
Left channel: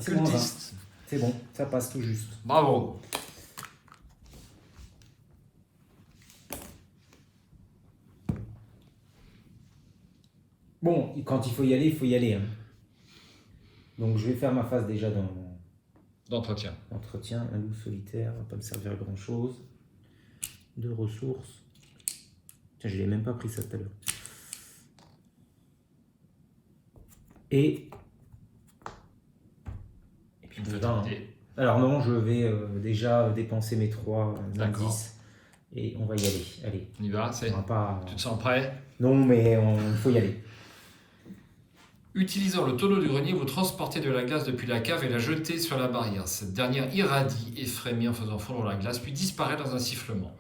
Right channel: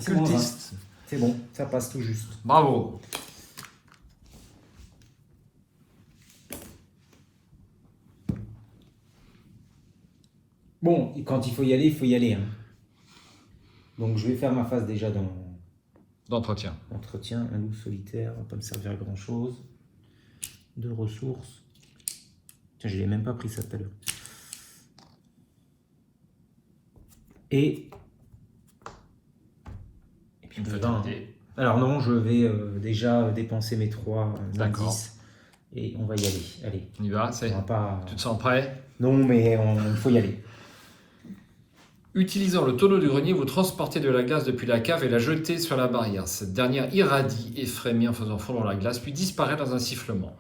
Cultiste. C'est bon, ça passe tout juste. Bravo. Bon, quand il faut y aller, il faut y aller. Hein. Donc je vais faire ma phase déjà D'entretien. d'entretien. Un loup solitaire, va pas me servir à grand chose. 2 ressources. Tiens, je n'ai même pas pris ça tout à l'heure. Et Une puis, fatalité. alors non, je vais déjà dépenser mes 3 D'accord. indices. Et on va y aller. Allez. On y va, On va pas... tu te sens prêt? Non, mais il faut y aller. Utilisant le tonneau du grenier, vous transportez de la glace depuis la cave et la jetez sur la barrière. Cette dernière irradie et frémit en faisant fondre la glace, puis disparaît dans un sifflement.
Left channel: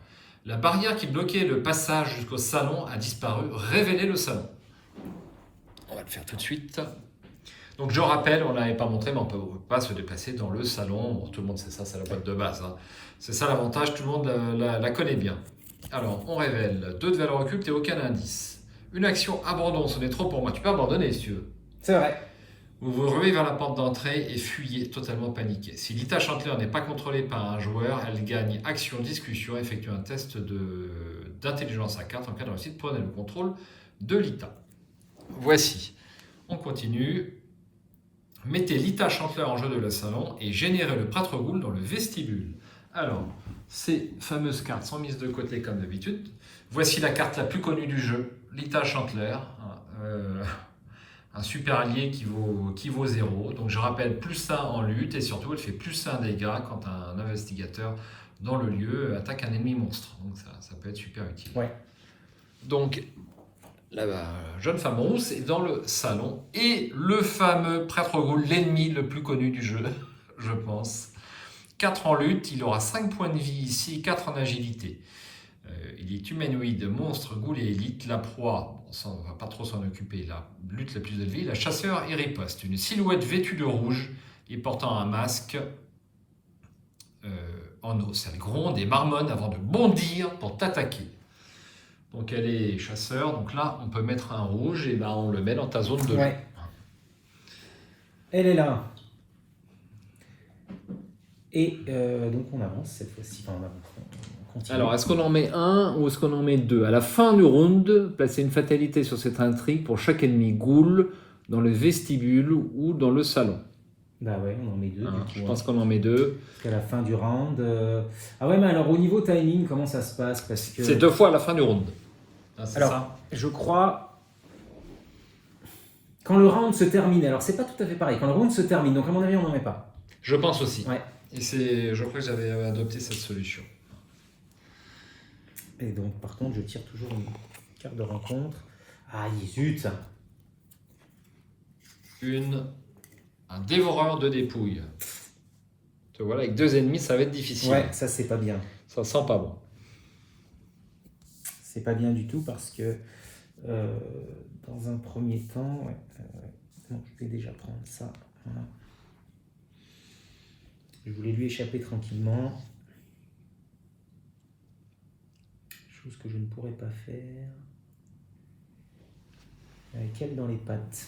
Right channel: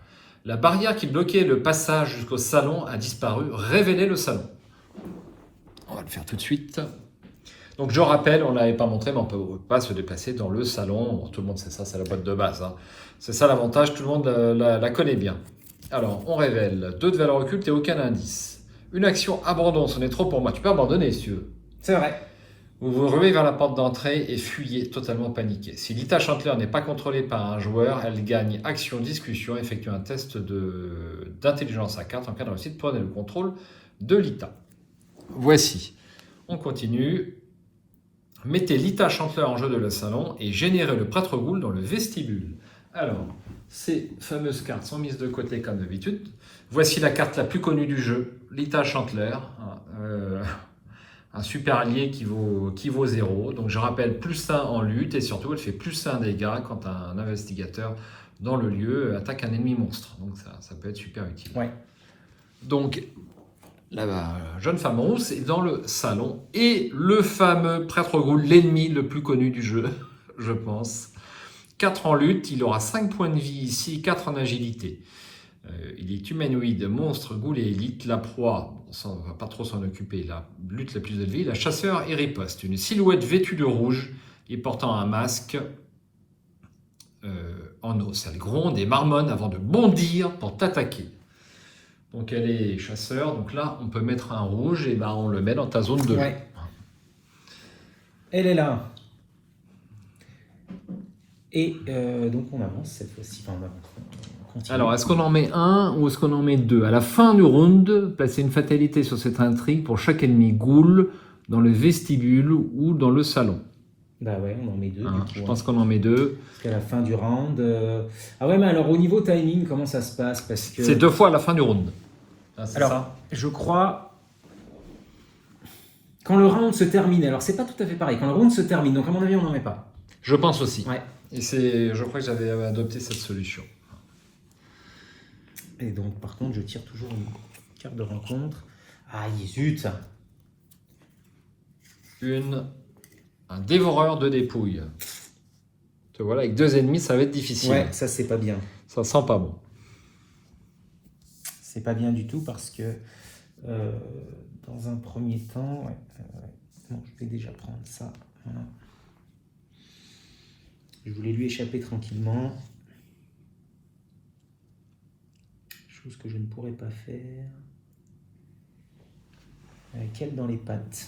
La barrière qui bloquait le passage jusqu'au salon a disparu, révélez le salon. On va le faire tout de suite. Donc je rappelle, on ne l'avait pas montré, mais on ne peut pas se déplacer dans le salon. Bon, tout le monde sait ça, c'est la boîte de base. Hein. C'est ça l'avantage, tout le monde la connaît bien. Alors, on révèle 2 de valeur occulte et aucun indice. Une action abandon, ce n'est trop pour moi. Tu peux abandonner si tu veux. C'est vrai. Vous vous ruez vers la porte d'entrée et fuyez totalement paniqué. Si Lita Chandler n'est pas contrôlée par un joueur, elle gagne action discussion, effectue un test d'intelligence à 4. En cas de réussite, prenez le contrôle de Lita. Voici. On continue. Mettez Lita Chandler en jeu de le salon et générez le prêtre Ghoul dans le vestibule. Alors, ces fameuses cartes sont mises de côté comme d'habitude. Voici la carte la plus connue du jeu, Lita Chandler. Un super allié qui vaut 0. Donc je rappelle, plus 1 en lutte et surtout elle fait plus 1 dégâts quand un investigateur dans le lieu attaque un ennemi monstre. Donc ça peut être super utile. Ouais. Donc la jeune femme rousse est dans le salon et le fameux prêtre Ghoul, l'ennemi le plus connu du jeu, je pense. 4 en lutte, il aura 5 points de vie ici, 4 en agilité. Il est humanoïde, monstre, ghoul et élite. La proie, on ne va pas trop s'en occuper, la lutte la plus élevée. La chasseur et riposte. Une silhouette vêtue de rouge et portant un masque en os. Elle gronde et marmonne avant de bondir pour t'attaquer. Donc elle est chasseur. Donc là, on peut mettre un rouge et ben, on le met dans ta zone de jeu. Ouais. Elle est là. Et donc on avance cette fois-ci. Enfin, on continue. Alors, est-ce qu'on en met un ou est-ce qu'on en met 2? À la fin du round, placez une fatalité sur cette intrigue pour chaque ennemi ghoul dans le vestibule ou dans le salon. Bah ouais, on en met 2 du coup. Je pense qu'on en met 2. Parce qu'à la fin du round... Ah ouais, mais alors au niveau timing, comment ça se passe? Parce que... C'est 2 fois à la fin du round. Ah, c'est alors, ça? je crois... Quand le round se termine, alors c'est pas tout à fait pareil. Quand le round se termine, donc à mon avis, on n'en met pas. Je pense aussi. Ouais. Et je crois que j'avais adopté cette solution. Et donc, par contre, je tire toujours une carte de rencontre. Ah, zut! Un dévoreur de dépouilles. Tu vois, avec 2 ennemis, ça va être difficile. Ouais, ça, c'est pas bien. Ça sent pas bon. C'est pas bien du tout parce que, dans un premier temps... Ouais, bon, je vais déjà prendre ça. Voilà. Je voulais lui échapper tranquillement. Chose que je ne pourrais pas faire. Avec elle dans les pattes.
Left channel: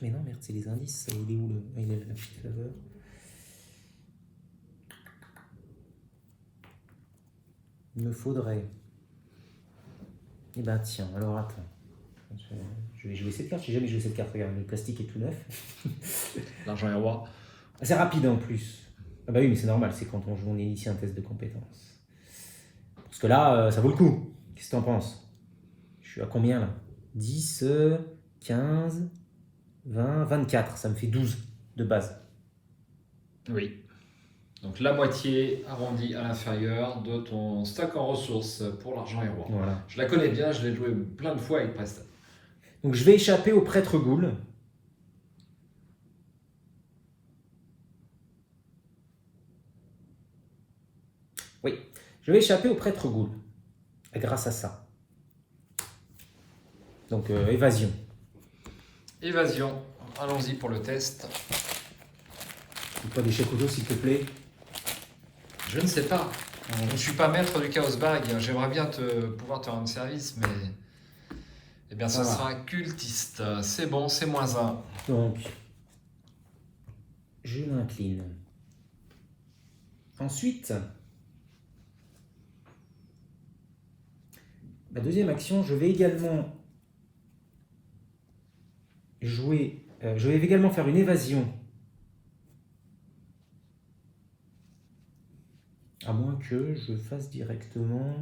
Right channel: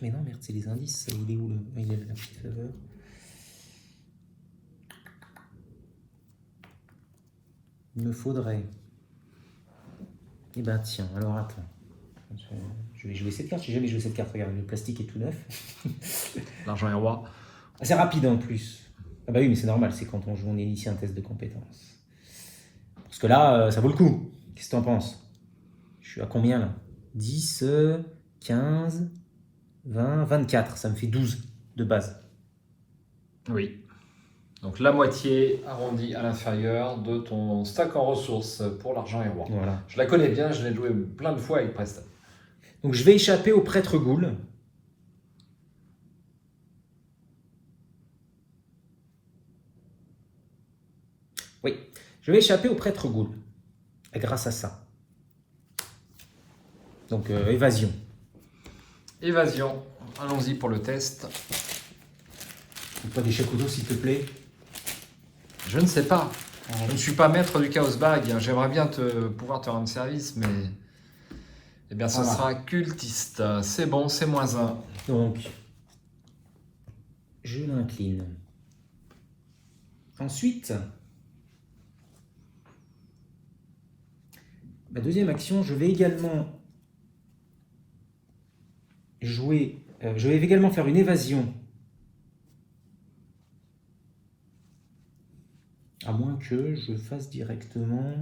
Mais non, merde, c'est les indices. Il est où il est la petite faveur. Il me faudrait... Eh ben tiens, alors attends. Je vais jouer cette carte, j'ai jamais joué cette carte, regarde, le plastique est tout neuf. L'argent est roi. Ah, c'est rapide en plus. Ah bah oui, mais c'est normal, c'est quand on joue, on initie un test de compétences. Parce que là, ça vaut le coup. Qu'est-ce que t'en penses? Je suis à combien là? 10, 15, 20, 24. Ça me fait 12 de base. Oui. Donc la moitié arrondie à l'inférieur de ton stack en ressources pour l'argent et roi. Voilà. Je la connais bien, je l'ai joué plein de fois avec Preston. Donc je vais échapper au prêtre Ghoul. Oui, je vais échapper au prêtre Ghoul. Grâce à ça. Donc évasion. Évasion. Allons-y pour le test. Pas des chefs s'il te plaît. Je ne sais pas. Je ne suis pas maître du Chaos Bag. J'aimerais bien pouvoir te rendre service, mais eh bien, ce sera cultiste. C'est bon, c'est -1. Donc, je m'incline. Ensuite, ma deuxième action, je vais également jouer. Je vais également faire une évasion. À moins que je fasse directement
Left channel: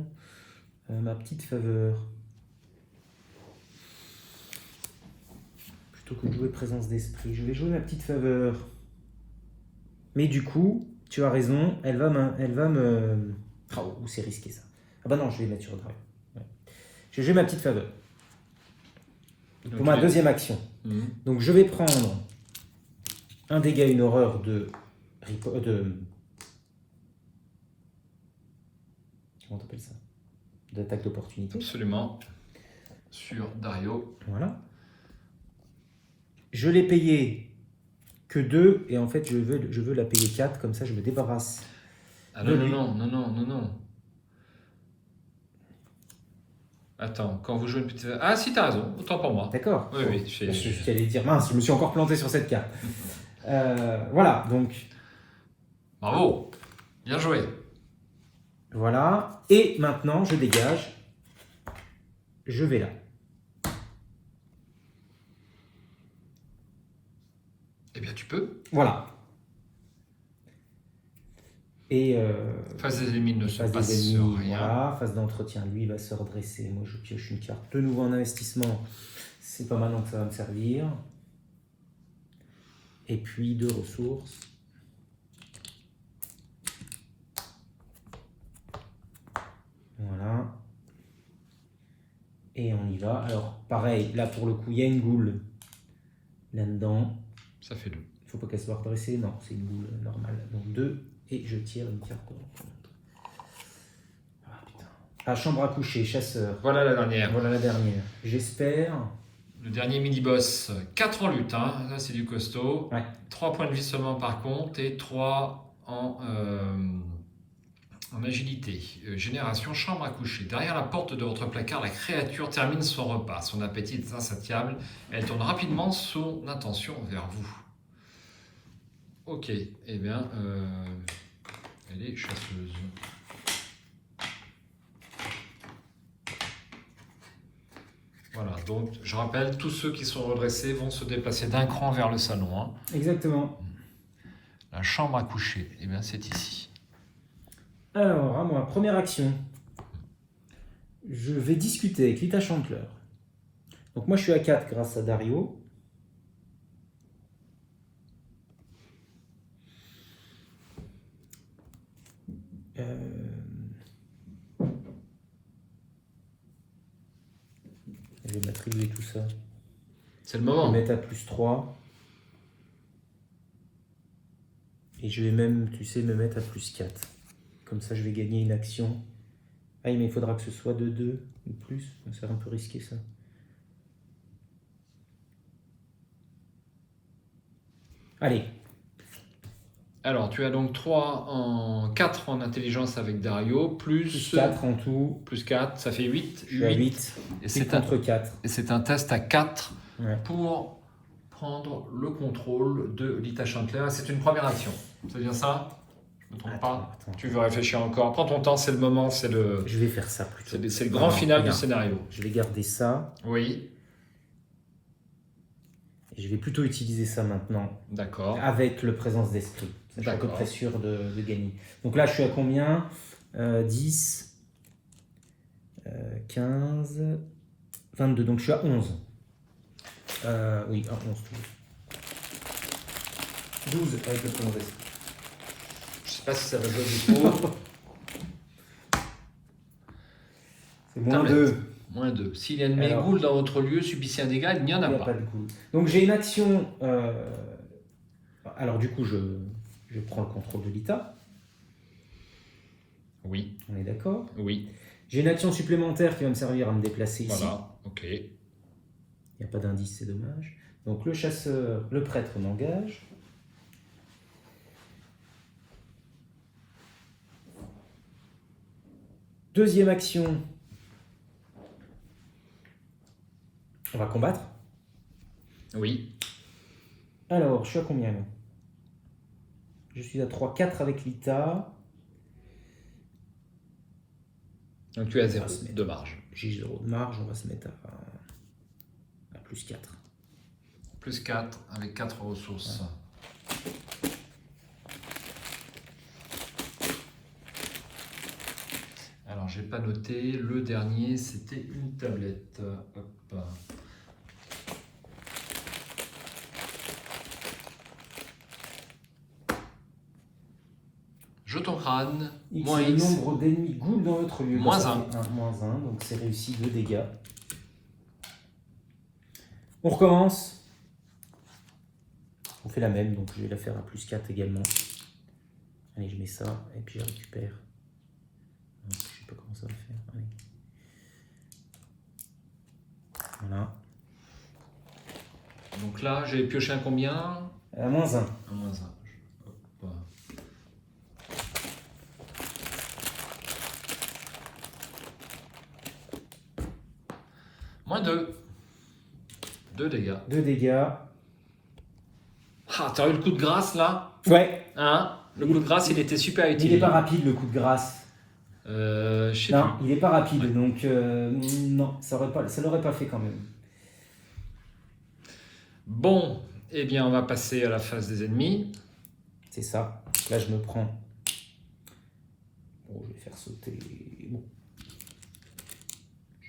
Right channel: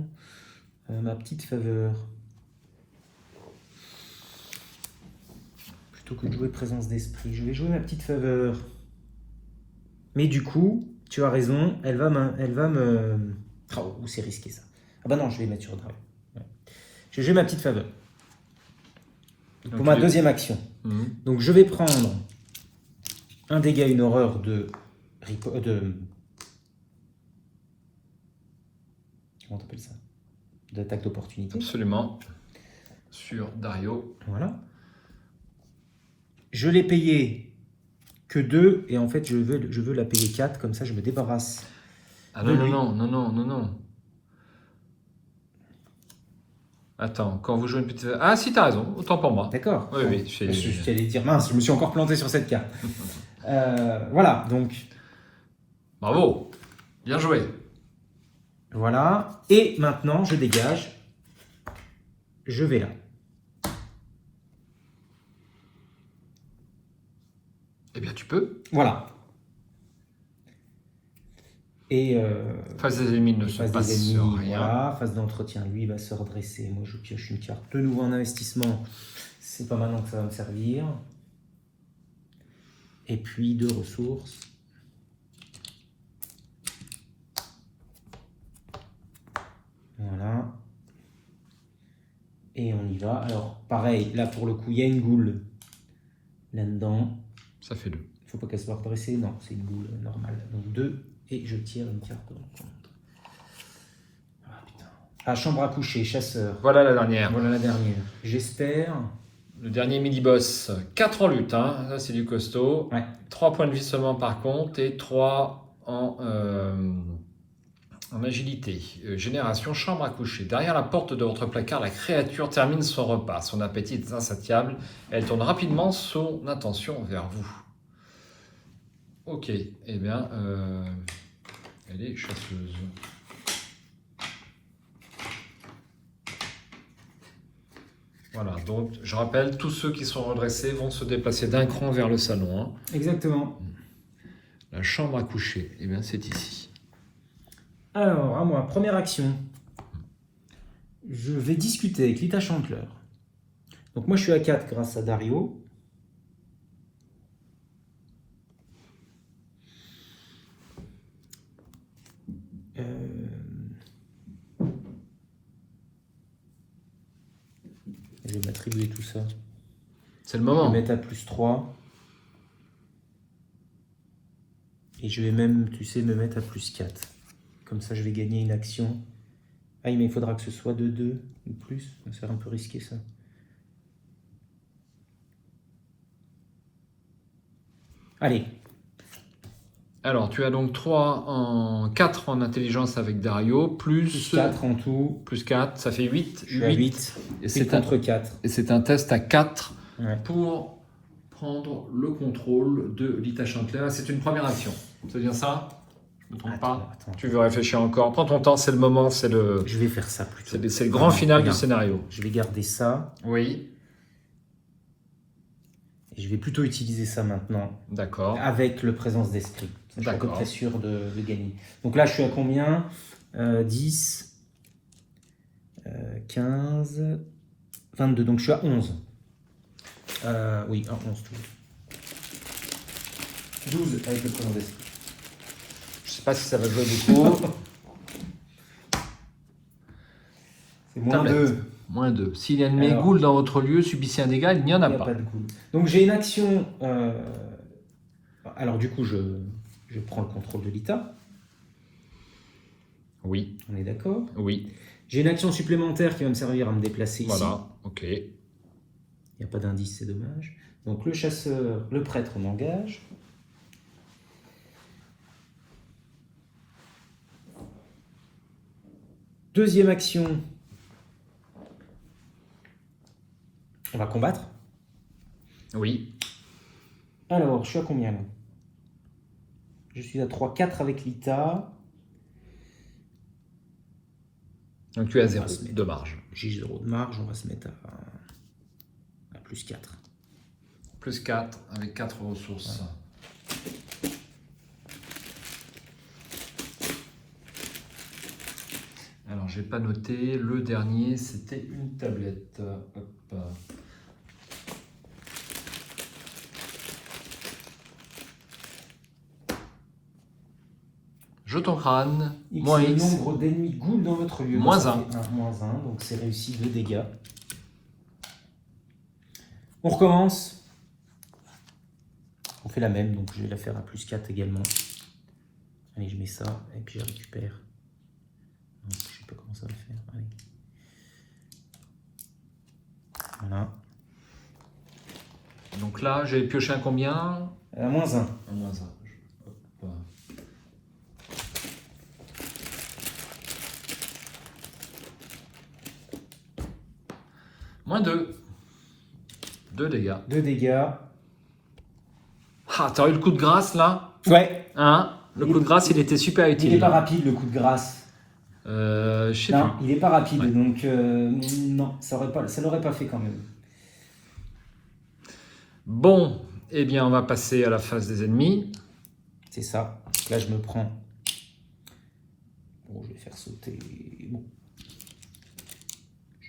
ma petite faveur. Plutôt que de jouer présence d'esprit, je vais jouer ma petite faveur. Mais du coup, tu as raison, elle va me... Oh, c'est risqué ça. Ah bah non, je vais mettre sur Drive. Ouais. Je vais jouer ma petite faveur. Pour ma deuxième action. Donc je vais prendre un dégât, une horreur de... Comment t'appelles ça? D'attaque d'opportunité. Absolument. Sur Dario. Voilà. Je l'ai payé que 2 et en fait je veux la payer 4, comme ça je me débarrasse. Ah non. Attends, quand vous jouez une petite... Ah si, t'as raison, autant pour moi. D'accord. Oui. Je allais dire, mince, je me suis encore planté sur cette carte. Voilà, donc... Bravo, bien joué. Voilà, et maintenant je dégage. Je vais là. Eh bien, tu peux. Voilà. Et Face des ennemis ne se passe rien. Voilà, phase d'entretien, lui il va se redresser. Moi je pioche une carte de nouveau en investissement. C'est pas maintenant que ça va me servir. Et puis 2 ressources. Voilà. Et on y va. Alors pareil, là pour le coup il y a une goule là-dedans. Ça fait 2. Il faut pas qu'elle soit redressée, non, c'est une goule normale. Donc 2. Et je tire une carte. Ah putain. Ah, chambre à coucher, chasseur. Voilà la dernière. Voilà la dernière. J'espère. Le dernier mini-boss, 4 en lutte, hein. Là c'est du costaud. Ouais. 3 points de vie seulement par contre et 3 en agilité. Génération, chambre à coucher. Derrière la porte de votre placard, la créature termine son repas. Son appétit est insatiable. Elle tourne rapidement son attention vers vous. Ok, eh bien, elle est chasseuse. Voilà, donc je rappelle, tous ceux qui sont redressés vont se déplacer d'un cran vers le salon. Hein. Exactement. La chambre à coucher, eh bien c'est ici. Alors, à moi, première action. Je vais discuter avec Lita Chandler. Donc moi je suis à 4 grâce à Dario. Je vais m'attribuer tout ça. C'est le Je moment. vais mettre à +3. Et je vais même, tu sais, me mettre à +4. Comme ça, je vais gagner une action. Ah, mais il faudra que ce soit de 2 ou plus. Donc, ça va un peu risqué, ça. Allez. Alors, tu as donc 4 en intelligence avec Dario, Plus 4 en tout. Plus 4, ça fait 8. Je suis à 8. Et c'est contre 4. Et c'est un test à 4 ouais. Pour prendre le contrôle de Lita Chandler. C'est une première action. C'est bien ça? Je me trompe pas? Attends. Tu veux réfléchir encore? Prends ton temps, c'est le moment, c'est le... Je vais faire ça plutôt. C'est le grand final du scénario. Je vais garder ça. Oui. Et je vais plutôt utiliser ça maintenant. D'accord. Avec le présence d'esprit. Je suis à peu près sûr de gagner. Donc là, je suis à combien 10, 15, 22, donc je suis à 11. Oui, à 11. 12 avec le commodation. Je sais pas si ça va jouer beaucoup. C'est moins Tablette. 2. Moins 2. S'il y a une Alors. mégoule dans votre lieu, subissez un dégât, il n'y en a Il n'y a pas. pas de coup. Donc j'ai une action. Alors du coup, je prends le contrôle de l'ITA. Oui, On est d'accord. oui. J'ai une action supplémentaire qui va me servir à me déplacer ici. Voilà, ok. Il n'y a pas d'indice, c'est dommage. Donc le chasseur, le prêtre m'engage. Deuxième action. On va combattre. Oui. Alors, je suis à combien là? Je suis à 3, 4 avec l'ITA. Donc tu as On 0 va se mettre- de marge. J'ai 0 de marge, on va se mettre à plus 4. Plus 4 avec 4 ressources. Alors, j'ai pas noté. Le dernier, c'était une tablette. Hop. Jeton crâne, X, moins le X. nombre d'ennemis ghouls dans votre lieu. Moins Ça un. fait moins 1, donc c'est réussi 2 dégâts. On recommence. On fait la même, donc je vais la faire à plus 4 également. Allez, je mets ça, et puis je récupère. Je sais pas comment ça va faire. Allez. Voilà. Donc là, j'ai pioché un combien? Moins 1. Un moins 1. Hop. Moins 2. 2 dégâts. 2 dégâts. Ah, t'as eu le coup de grâce là? Ouais. Hein? Le coup de grâce, il était super utile. Il n'est pas rapide le coup de grâce. Je sais Non, plus. il n'est pas rapide, Ouais. donc non, ça l'aurait pas fait quand même. Bon, eh bien, on va passer à la phase des ennemis. C'est ça. Là, je me prends. Bon, je vais faire sauter. Bon.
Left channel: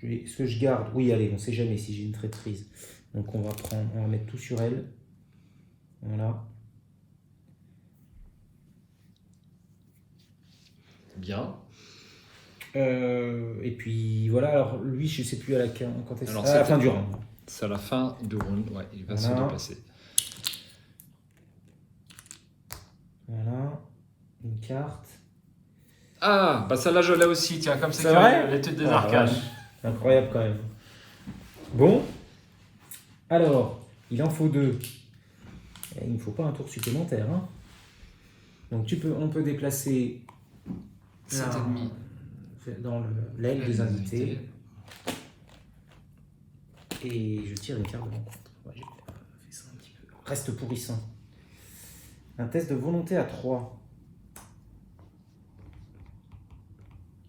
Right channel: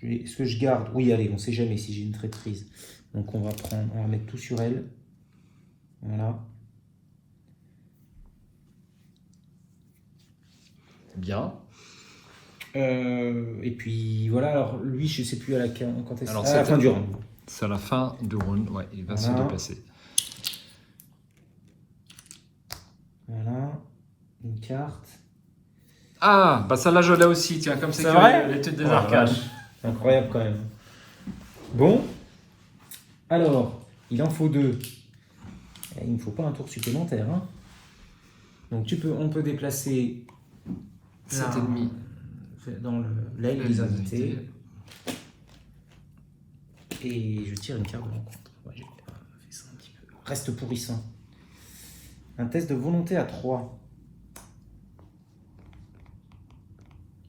Est-ce que je garde? Oui, allez, on ne sait jamais si j'ai une traîtrise. Donc, on va mettre tout sur elle. Voilà. Bien. Et puis, voilà. Alors, lui, je ne sais plus quand est-ce Alors, à la c'est- fin du round. C'est à la fin du round. Ouais, il va Voilà. se dépasser. Voilà. Une carte. Ah, bah celle-là, je l'ai aussi. Tiens, comme c'est C'est que vrai l'étude des Oh, arcanes. Incroyable quand même. Bon. Alors, il en faut 2. Il ne faut pas un tour supplémentaire. Hein. Donc on peut déplacer Cet ennemi. dans l'aile des invités. Et je tire une carte de mon compte. Ouais, j'ai fait ça un petit peu. Reste pourrissant. Un test de volonté à 3.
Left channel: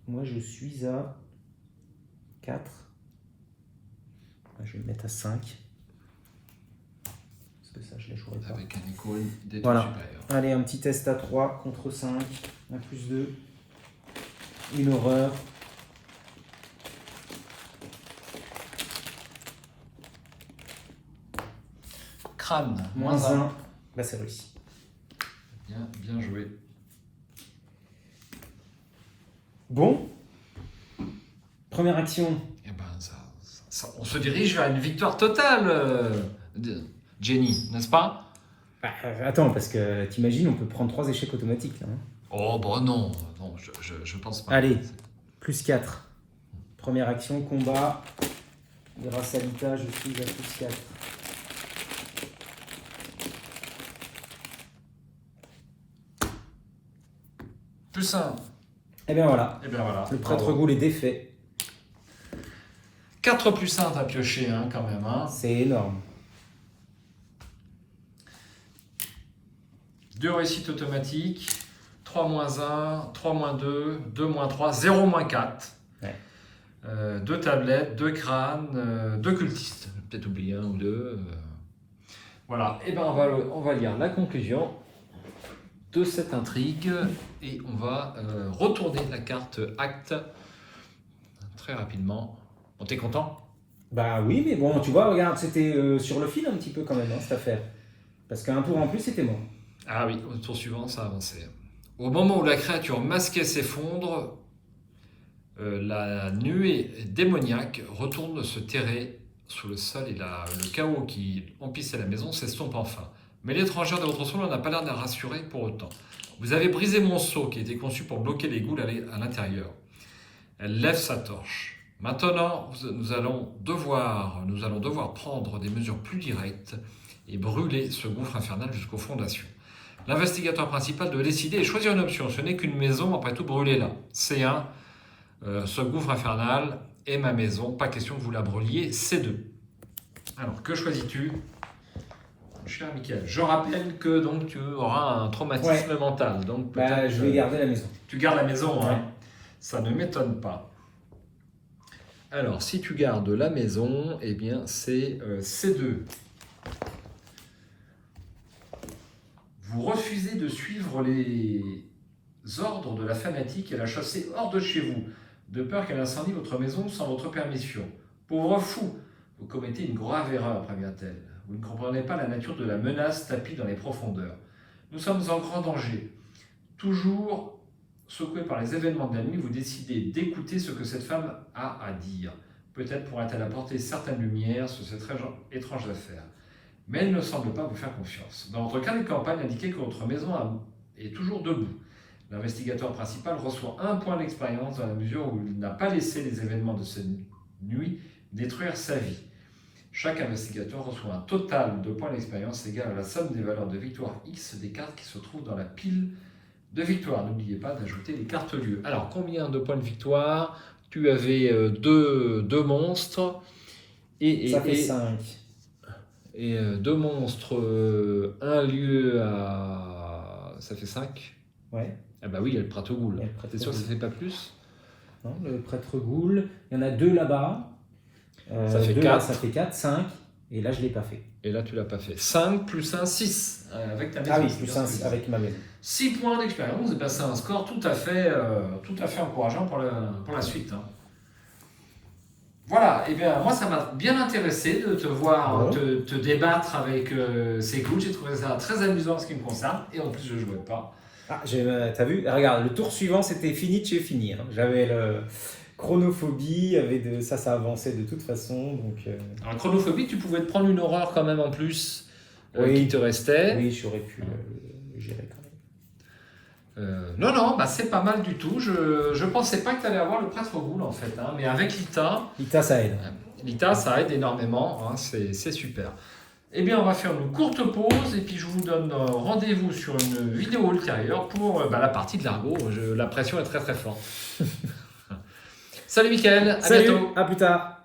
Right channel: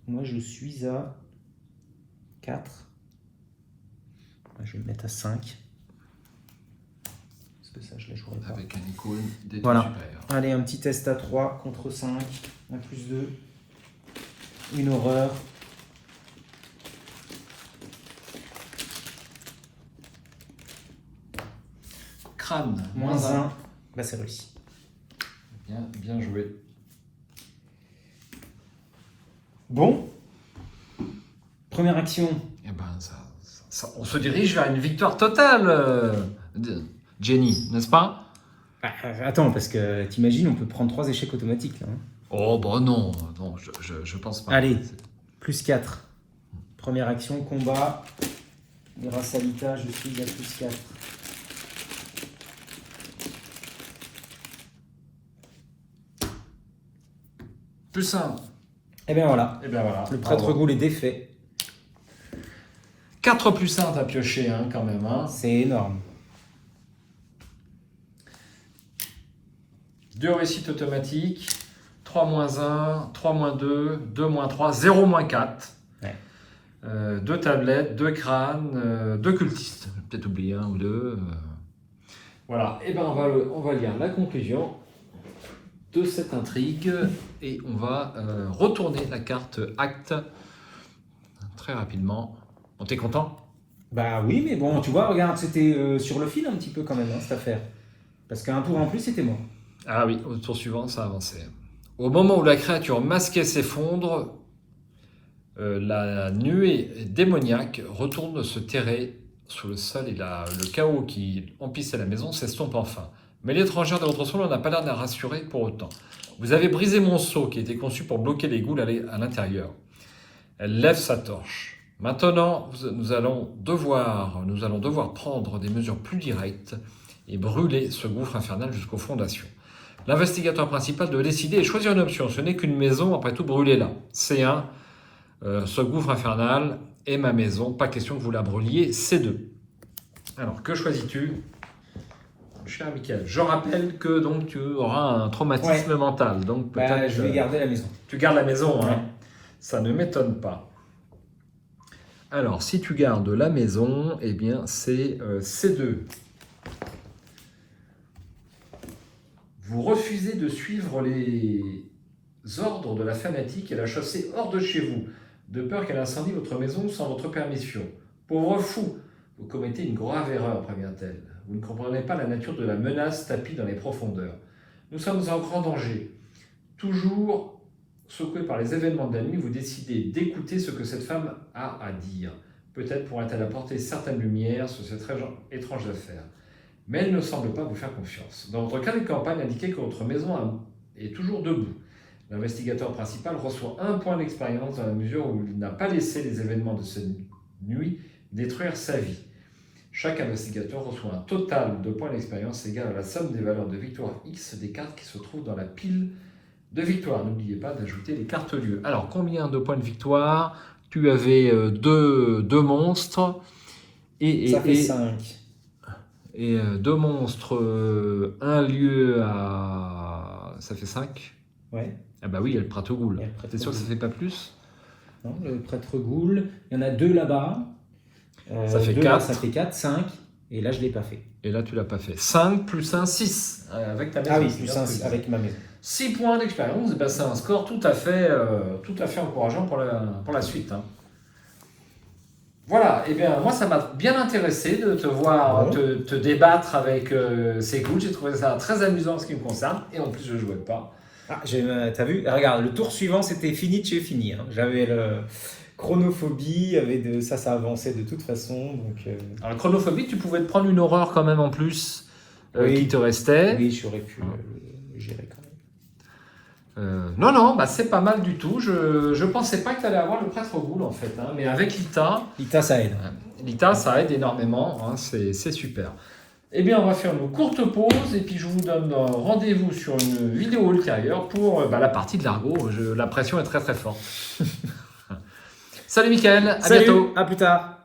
Moi je suis à 4. Je vais le mettre à 5. Parce que ça je la jouerai pas. Avec un icône d'étude Voilà. supérieure. Allez, un petit test à 3 contre 5. Un plus 2. Une horreur. Crâne. Moins 1. Là, c'est réussi. Bien, bien joué. Bon. Première action. Eh ben, on se dirige vers une victoire totale, Jenny, n'est-ce pas? Bah, attends, parce que t'imagines, on peut prendre 3 échecs automatiques. Là, hein. Oh, bah non, non, je pense pas. Allez, plus 4. Première action, combat. Grâce à l'ITA, je suis à plus 4. Plus 1. Et bien voilà. Et bien voilà. Le prêtre ghoul est défait. 4 plus 1, t'as pioché, hein, quand même. Hein. C'est énorme. 2 réussites automatiques, 3 moins 1, 3 moins 2, 2 moins 3, 0 moins 4. Ouais. 2 tablettes, 2 crânes, 2 cultistes. J'ai peut-être oublié un ou deux. Voilà, et ben on va lire la conclusion de cette intrigue et on va retourner la carte acte très rapidement. Bon, t'es content? Bah oui, mais bon, tu vois, regarde, c'était sur le fil un petit peu quand même, hein, cette affaire. Parce qu'un tour en plus, c'était moi. Ah oui, au tour suivant, ça avançait. Au moment où la créature masquée s'effondre, la nuée démoniaque retourne se terrer sous le sol et le chaos qui emplissait la maison s'estompe enfin. Mais l'étrangère de votre sol n'a pas l'air de la rassurer pour autant. Vous avez brisé mon seau qui était conçu pour bloquer les ghouls à l'intérieur. Elle lève sa torche. Maintenant, nous allons devoir prendre des mesures plus directes et brûler ce gouffre infernal jusqu'aux fondations. L'investigateur principal doit décider et choisir une option. Ce n'est qu'une maison, après tout, brûlez-la. C1, ce gouffre infernal est ma maison. Pas question que vous la brûliez. C2. Alors, que choisis-tu, cher Michael? Je rappelle que donc, tu auras un traumatisme mental. Donc, peut-être, je vais garder la maison. Tu gardes la maison, hein? Ouais. Ça ne m'étonne pas. Alors, si tu gardes la maison, eh bien, c'est C2. Vous refusez de suivre les ordres de la fanatique et la chasser hors de chez vous, de peur qu'elle incendie votre maison sans votre permission. Pauvre fou, vous commettez une grave erreur, prévient-elle. Vous ne comprenez pas la nature de la menace tapie dans les profondeurs. Nous sommes en grand danger. Toujours secoué par les événements de la nuit, vous décidez d'écouter ce que cette femme a à dire. Peut-être pourra-t-elle apporter certaines lumières sur cette étrange affaire. Mais elle ne semble pas vous faire confiance. Dans votre carnet de campagne, indiquez que votre maison est toujours debout. L'investigateur principal reçoit 1 point d'expérience dans la mesure où il n'a pas laissé les événements de cette nuit détruire sa vie. Chaque investigateur reçoit un total de points d'expérience égal à la somme des valeurs de victoire X des cartes qui se trouvent dans la pile de victoire. N'oubliez pas d'ajouter les cartes lieux. Alors, combien de points de victoire? Tu avais deux monstres. Ça fait 5. Et 2 monstres, 1 lieu ça fait 5. Ouais. Ah bah oui, il y a le prêtre ghoul. T'es sûr que ça fait pas plus? Non, le prêtre ghoul. Il y en a 2 là-bas. Ça fait 2 4. là, ça fait 4, 5. Et là, je ne l'ai pas fait. Et là, tu l'as pas fait. 5 plus 1, 6. Avec ta maison. Ah oui, plus 1 avec ma maison. 6 points d'expérience, ben c'est un score tout à fait encourageant pour la suite. Hein. Voilà, et bien moi ça m'a bien intéressé de te voir te débattre avec ces ghouls. J'ai trouvé ça très amusant en ce qui me concerne, et en plus je ne jouais pas. Ah, t'as vu? Regarde, le tour suivant c'était fini de chez fini. Hein. J'avais le chronophobie, ça avançait de toute façon. Donc, Alors la chronophobie, tu pouvais te prendre une horreur quand même en plus qui te restait. Oui, j'aurais pu gérer quand même. Non, bah c'est pas mal du tout. Je pensais pas que tu allais avoir le prêtre ghoul en fait, hein, mais avec l'ITA. l'ITA ça aide. L'ITA ça aide énormément, hein, c'est super. Eh bien, on va faire une courte pause et puis je vous donne rendez-vous sur une vidéo ultérieure pour la partie de l'Argot. La pression est très très forte. Salut Mickaël, à bientôt. À plus tard.